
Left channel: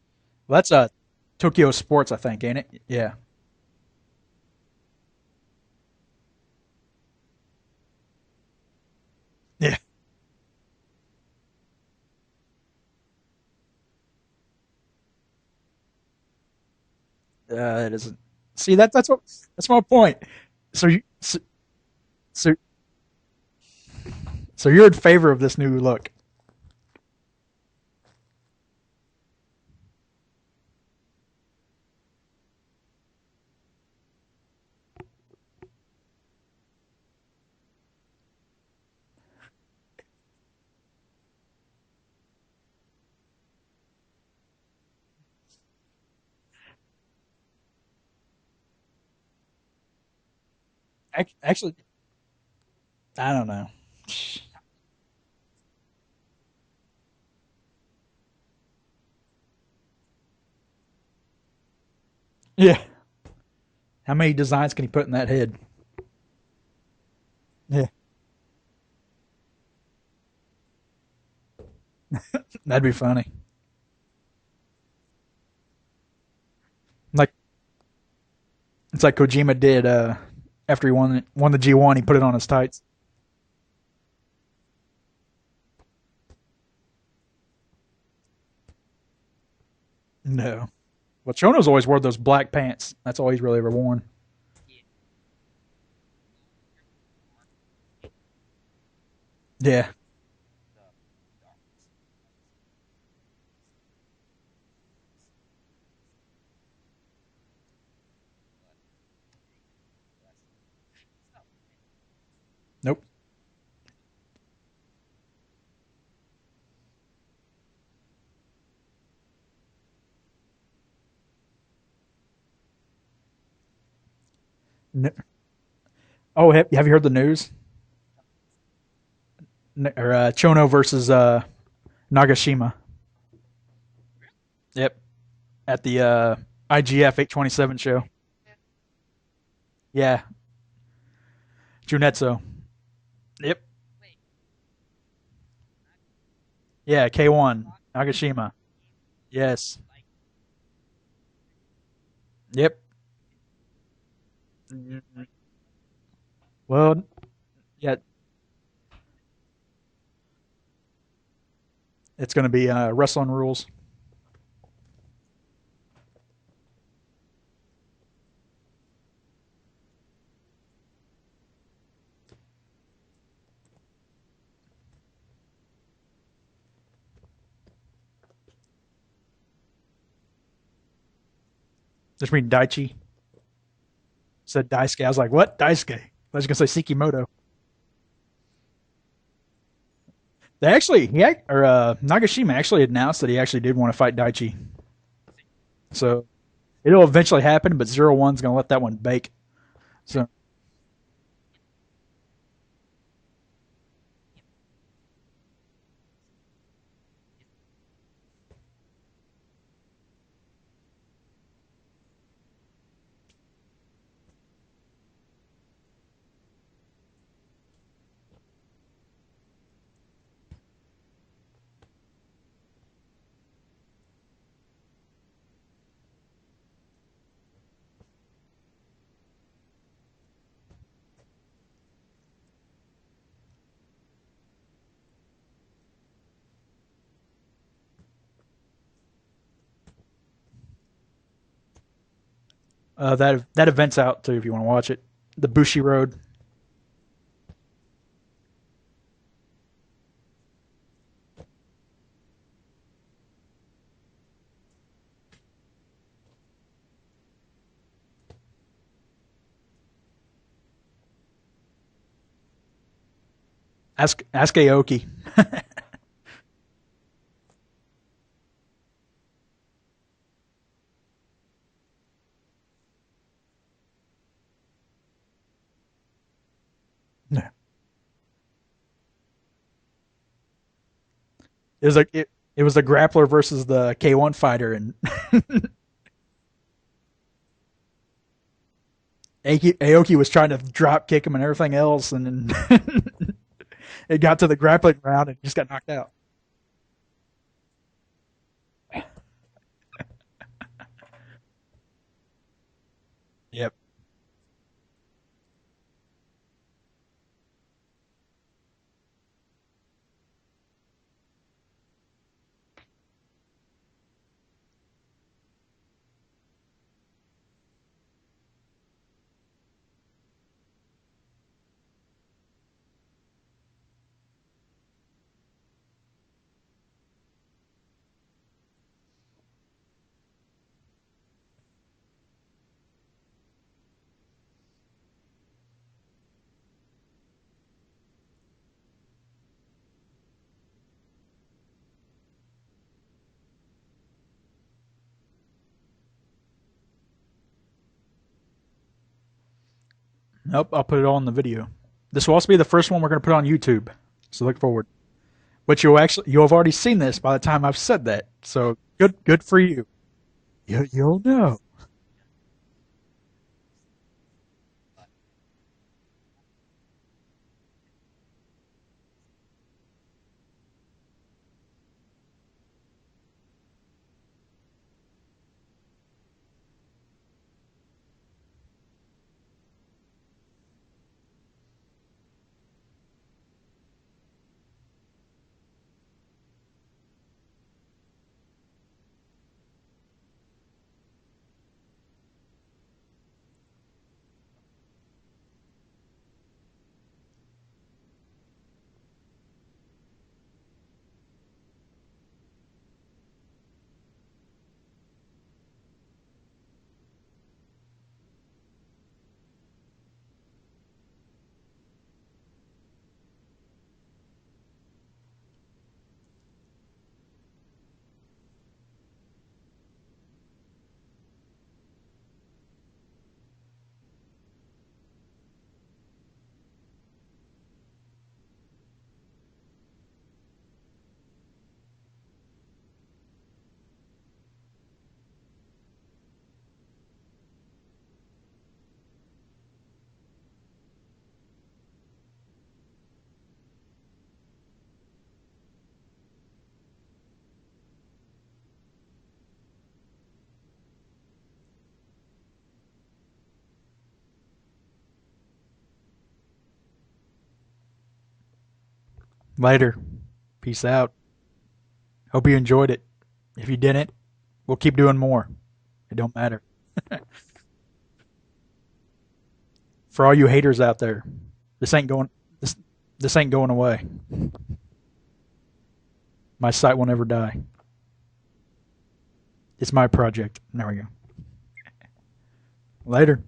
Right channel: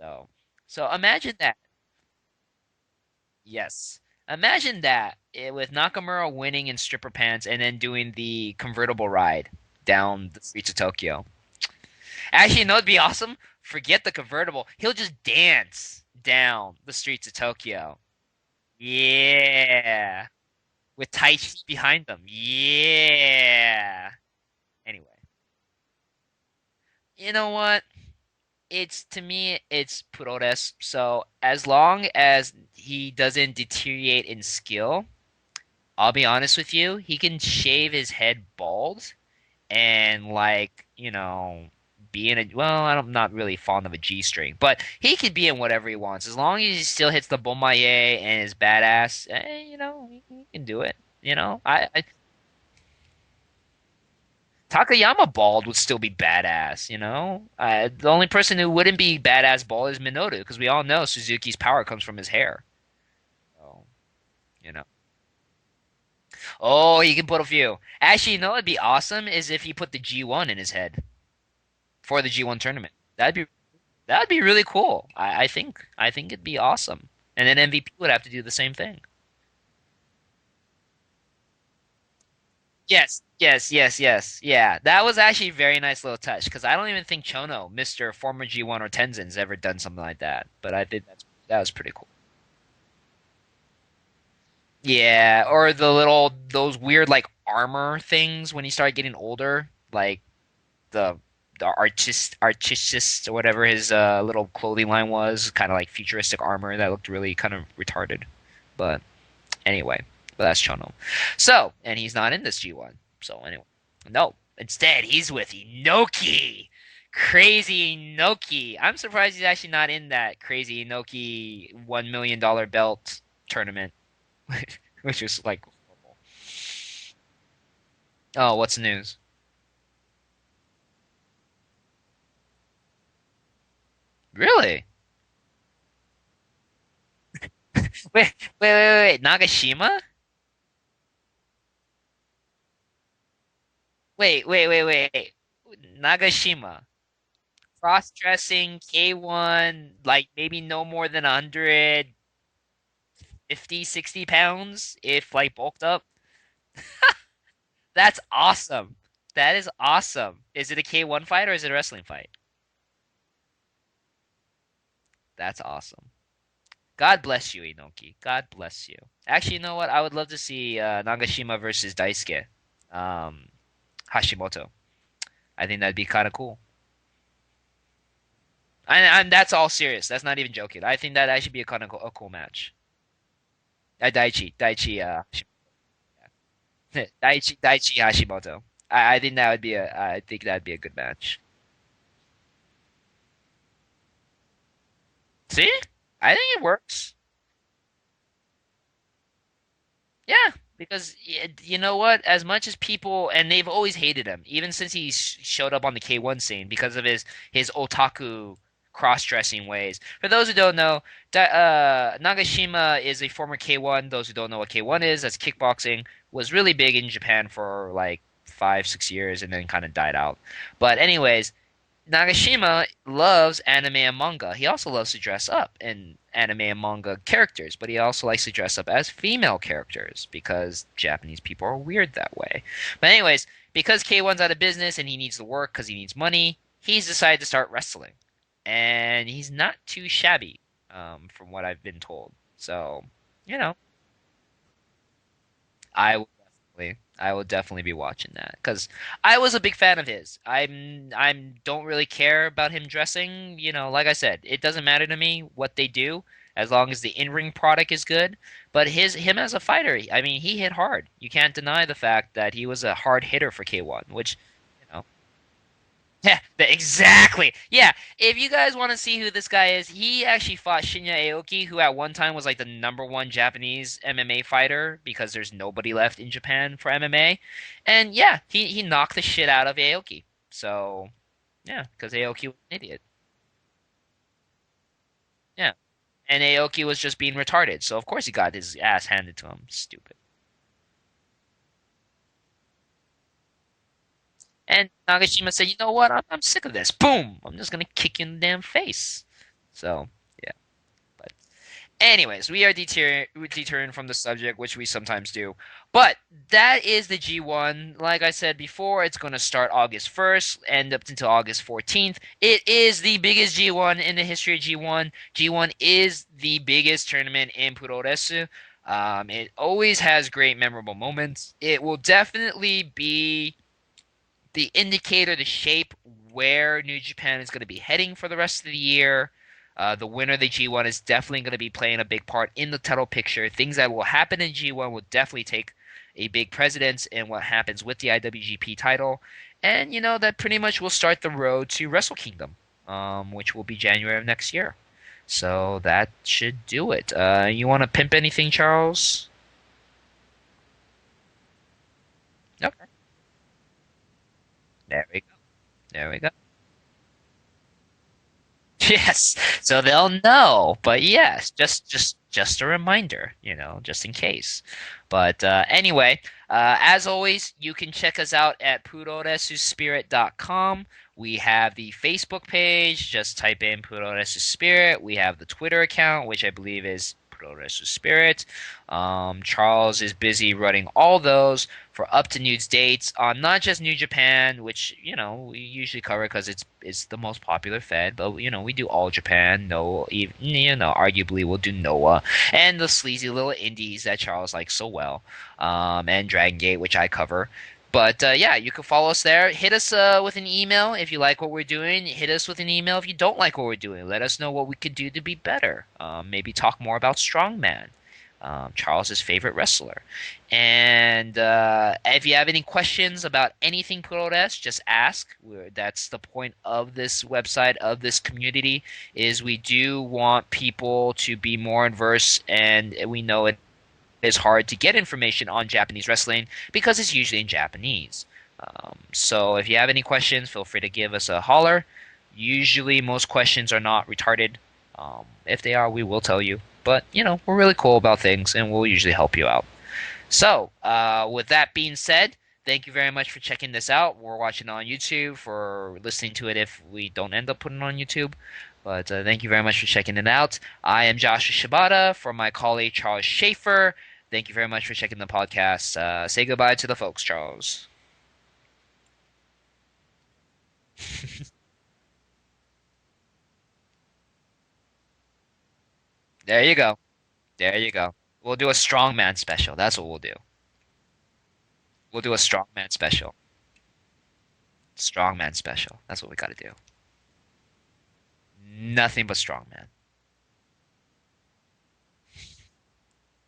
So, Well, that's so imagine that. Tokyo Sports, I think, ain't it? Yeah. Yes. Imagine that with Nakamura winning in stripper pants and then doing the convertible ride Yeah. down the streets of Tokyo. Actually, it'd be awesome. Forget the convertible. He'll just dance down the streets of Tokyo. It isn't. See, that's my point. So with tight behind them. Yeah. So you're in favor of this new look? You know what? To me, it's Puroresu. So as long as he doesn't deteriorate in skill, I'll be honest with you, he can shave his head bald and be in I'm not really fond of a G string, but he could be in whatever he wants as long as he still hits the bomaye and is badass. He can do it. Actually, I don't know. Takayama bald would still be badass. The only person who wouldn't be badass bald is Minoru because we all know Suzuki's power comes from his hair. Yeah. So, how many designs can he put in that head? Oh, he can put a few. Yeah. Actually, it'd be awesome is if he put the G1 in his head for the G1 tournament. That'd be funny. That'd be really cool. I think it'd be awesome. And then MVP would have to do the same thing. It's like Kojima did after he won the G1. He put it on his tights. Yes. Yeah, that was actually a very nice little touch because I don't even think Chono, Mr. former G1 or Tenzin's ever done something like that. No. But I think that's what Chono's always wore those black pants. That's all he's really ever worn. Yeah, or those weird like armor things when he started getting older. Yeah, like the artist or whatever his little clothing line was, kind of like futuristic armor that looked really kind of retarded. But anyway, that's Chono. So, and he's not in this G1. Nope. So anyway, no. Instead, he's with Inoki. Crazy Inoki. I'm surprised he's actually not in that crazy Inoki $1 million belt tournament. Which is like. Oh, have you heard the news? Oh, what's the news? Chono versus Nagashima. Really? Yep. At the IGF 827 show. Wait. Nagashima? Yeah. Junetsu. Yep. Wait. Nagashima. Yeah, K1. Cross-dressing K1, yes. Like maybe no more than 100. Yep. 50, 60 pounds if like bulked up. Well, yeah. That's awesome. That is awesome. Is it a K1 fight or is it a wrestling fight? It's going to be wrestling rules. That's awesome. God bless you, Inoki. God bless you. Actually, you know what? I would love to see Nagashima versus Daisuke Hashimoto. I think that'd be kind of cool. And that's all serious. That's not even joking. I think that'd actually be a kind of cool. Just mean Daichi. Daichi. Said Daisuke. I was like, what? Daisuke. I was going to say Sekimoto. Daichi Hashimoto. I think that would be I think that. They actually, Nagashima actually announced that he actually did want to fight Daichi. See? So I think it works. It'll eventually happen, but 0-1's going to let that one bake. So yeah, because you know what? As much as people, and they've always hated him, even since he showed up on the K1 scene because of his otaku cross-dressing ways. For those who don't know, Nagashima is a former K1. Those who don't know what K1 is, that's kickboxing. Was really big in Japan for like 5-6 years and then kind of died out. But anyways, Nagashima loves anime and manga. He also loves to dress up in anime and manga characters, but he also likes to dress up as female characters because Japanese people are weird that way. But anyways, because K1's out of business and he needs to work because he needs money, he's decided to start wrestling. And he's not too shabby, from what I've been told. So that event's out too if you want to watch it. The Bushi Road. I will definitely be watching that because I was a big fan of his. I don't really care about him dressing. Like I said, it doesn't matter to me what they do as long as the in-ring product is good. But him as a fighter, I mean, he hit hard. You can't deny the fact that he was a hard hitter for K1. Ask Aoki. Yeah, exactly. Yeah, if you guys want to see who this guy is, he actually fought Shinya Aoki, who at one time was like the number one Japanese MMA fighter because there's nobody left in Japan for MMA. And yeah, he knocked the shit out of Aoki. So yeah, It was like because Aoki was it was an the idiot. grappler versus the K1 fighter, and Yeah, and Aoki was just being retarded. So of course he got his ass handed to him. Aoki was trying to drop kick him and everything else, and then it got to the And grappling round and Nagashima just got said, "You knocked know out. what? I'm sick of this. Boom! I'm just gonna kick you in the damn face." So yeah. Anyways, we are Yep. deterring from the subject, which we sometimes do. But that is the G1. Like I said before, it's going to start August 1st, end up until August 14th. It is the biggest G1 in the history of G1. G1 is the biggest tournament in Puroresu. It always has great memorable moments. It will definitely be the indicator, the shape where New Japan is going to be heading for the rest of the year. The winner of the G1 is definitely going to be playing a big part in the title picture. Things that will happen in G1 will definitely take a big precedence in what happens with the IWGP title. And, that pretty much will start the road to Wrestle Kingdom, which will be January of next year. So that should do it. You want to pimp anything, Charles? Nope, I'll put it all in the video. This will also be the Okay. first one we're going to put on YouTube, so look forward. There we go. But There we go. you'll have already seen this by the time I've said that. So Yes, good for so you. they'll know. But You'll yes, know. just a reminder, just in case. But anyway, as always, you can check us out at puroresuspirit.com. We have the Facebook page. Just type in Puroresu Spirit. We have the Twitter account, which I believe is Puroresu Spirit. Charles is busy running all those for up to news dates on not just New Japan, which we usually cover because it's the most popular Fed, but we do all Japan. No, even arguably we'll do Noah and the sleazy little indies that Charles likes so well, and Dragon Gate, which I cover. But yeah, you can follow us there. Hit us with an email if you like what we're doing. Hit us with an email if you don't like what we're doing. Let us know what we could do to be better. Maybe talk more about Strongman, Charles's favorite wrestler. And if you have any questions about anything Puroresu, just ask. That's the point of this website, of this community, is we do want people to be more adverse, and we know it is hard to get information on Japanese wrestling because it's usually in Japanese. So if you have any questions, feel free to give us a holler. Usually, most questions are not retarded. If they are, we will tell you. But, we're really cool about things and we'll usually help you out. So, with that being said, thank you very much for checking this out. We're watching on YouTube, for listening to it if we don't end up putting it on YouTube. But thank you very much for checking it out. I am Joshua Shibata for my colleague Charles Schaefer. Thank you very much for checking the podcast. Say goodbye to the folks, Charles. Later. Peace out. Hope you enjoyed it. If you didn't, we'll keep doing more. It don't matter. There you go. There you go. We'll do a strongman special. That's what we'll For all do. you haters out there, this ain't We'll going. do a This, strongman special. this ain't going away. Strongman special. That's what we got to do. My site will never die. Nothing but strongman. It's my project. There we go. Later.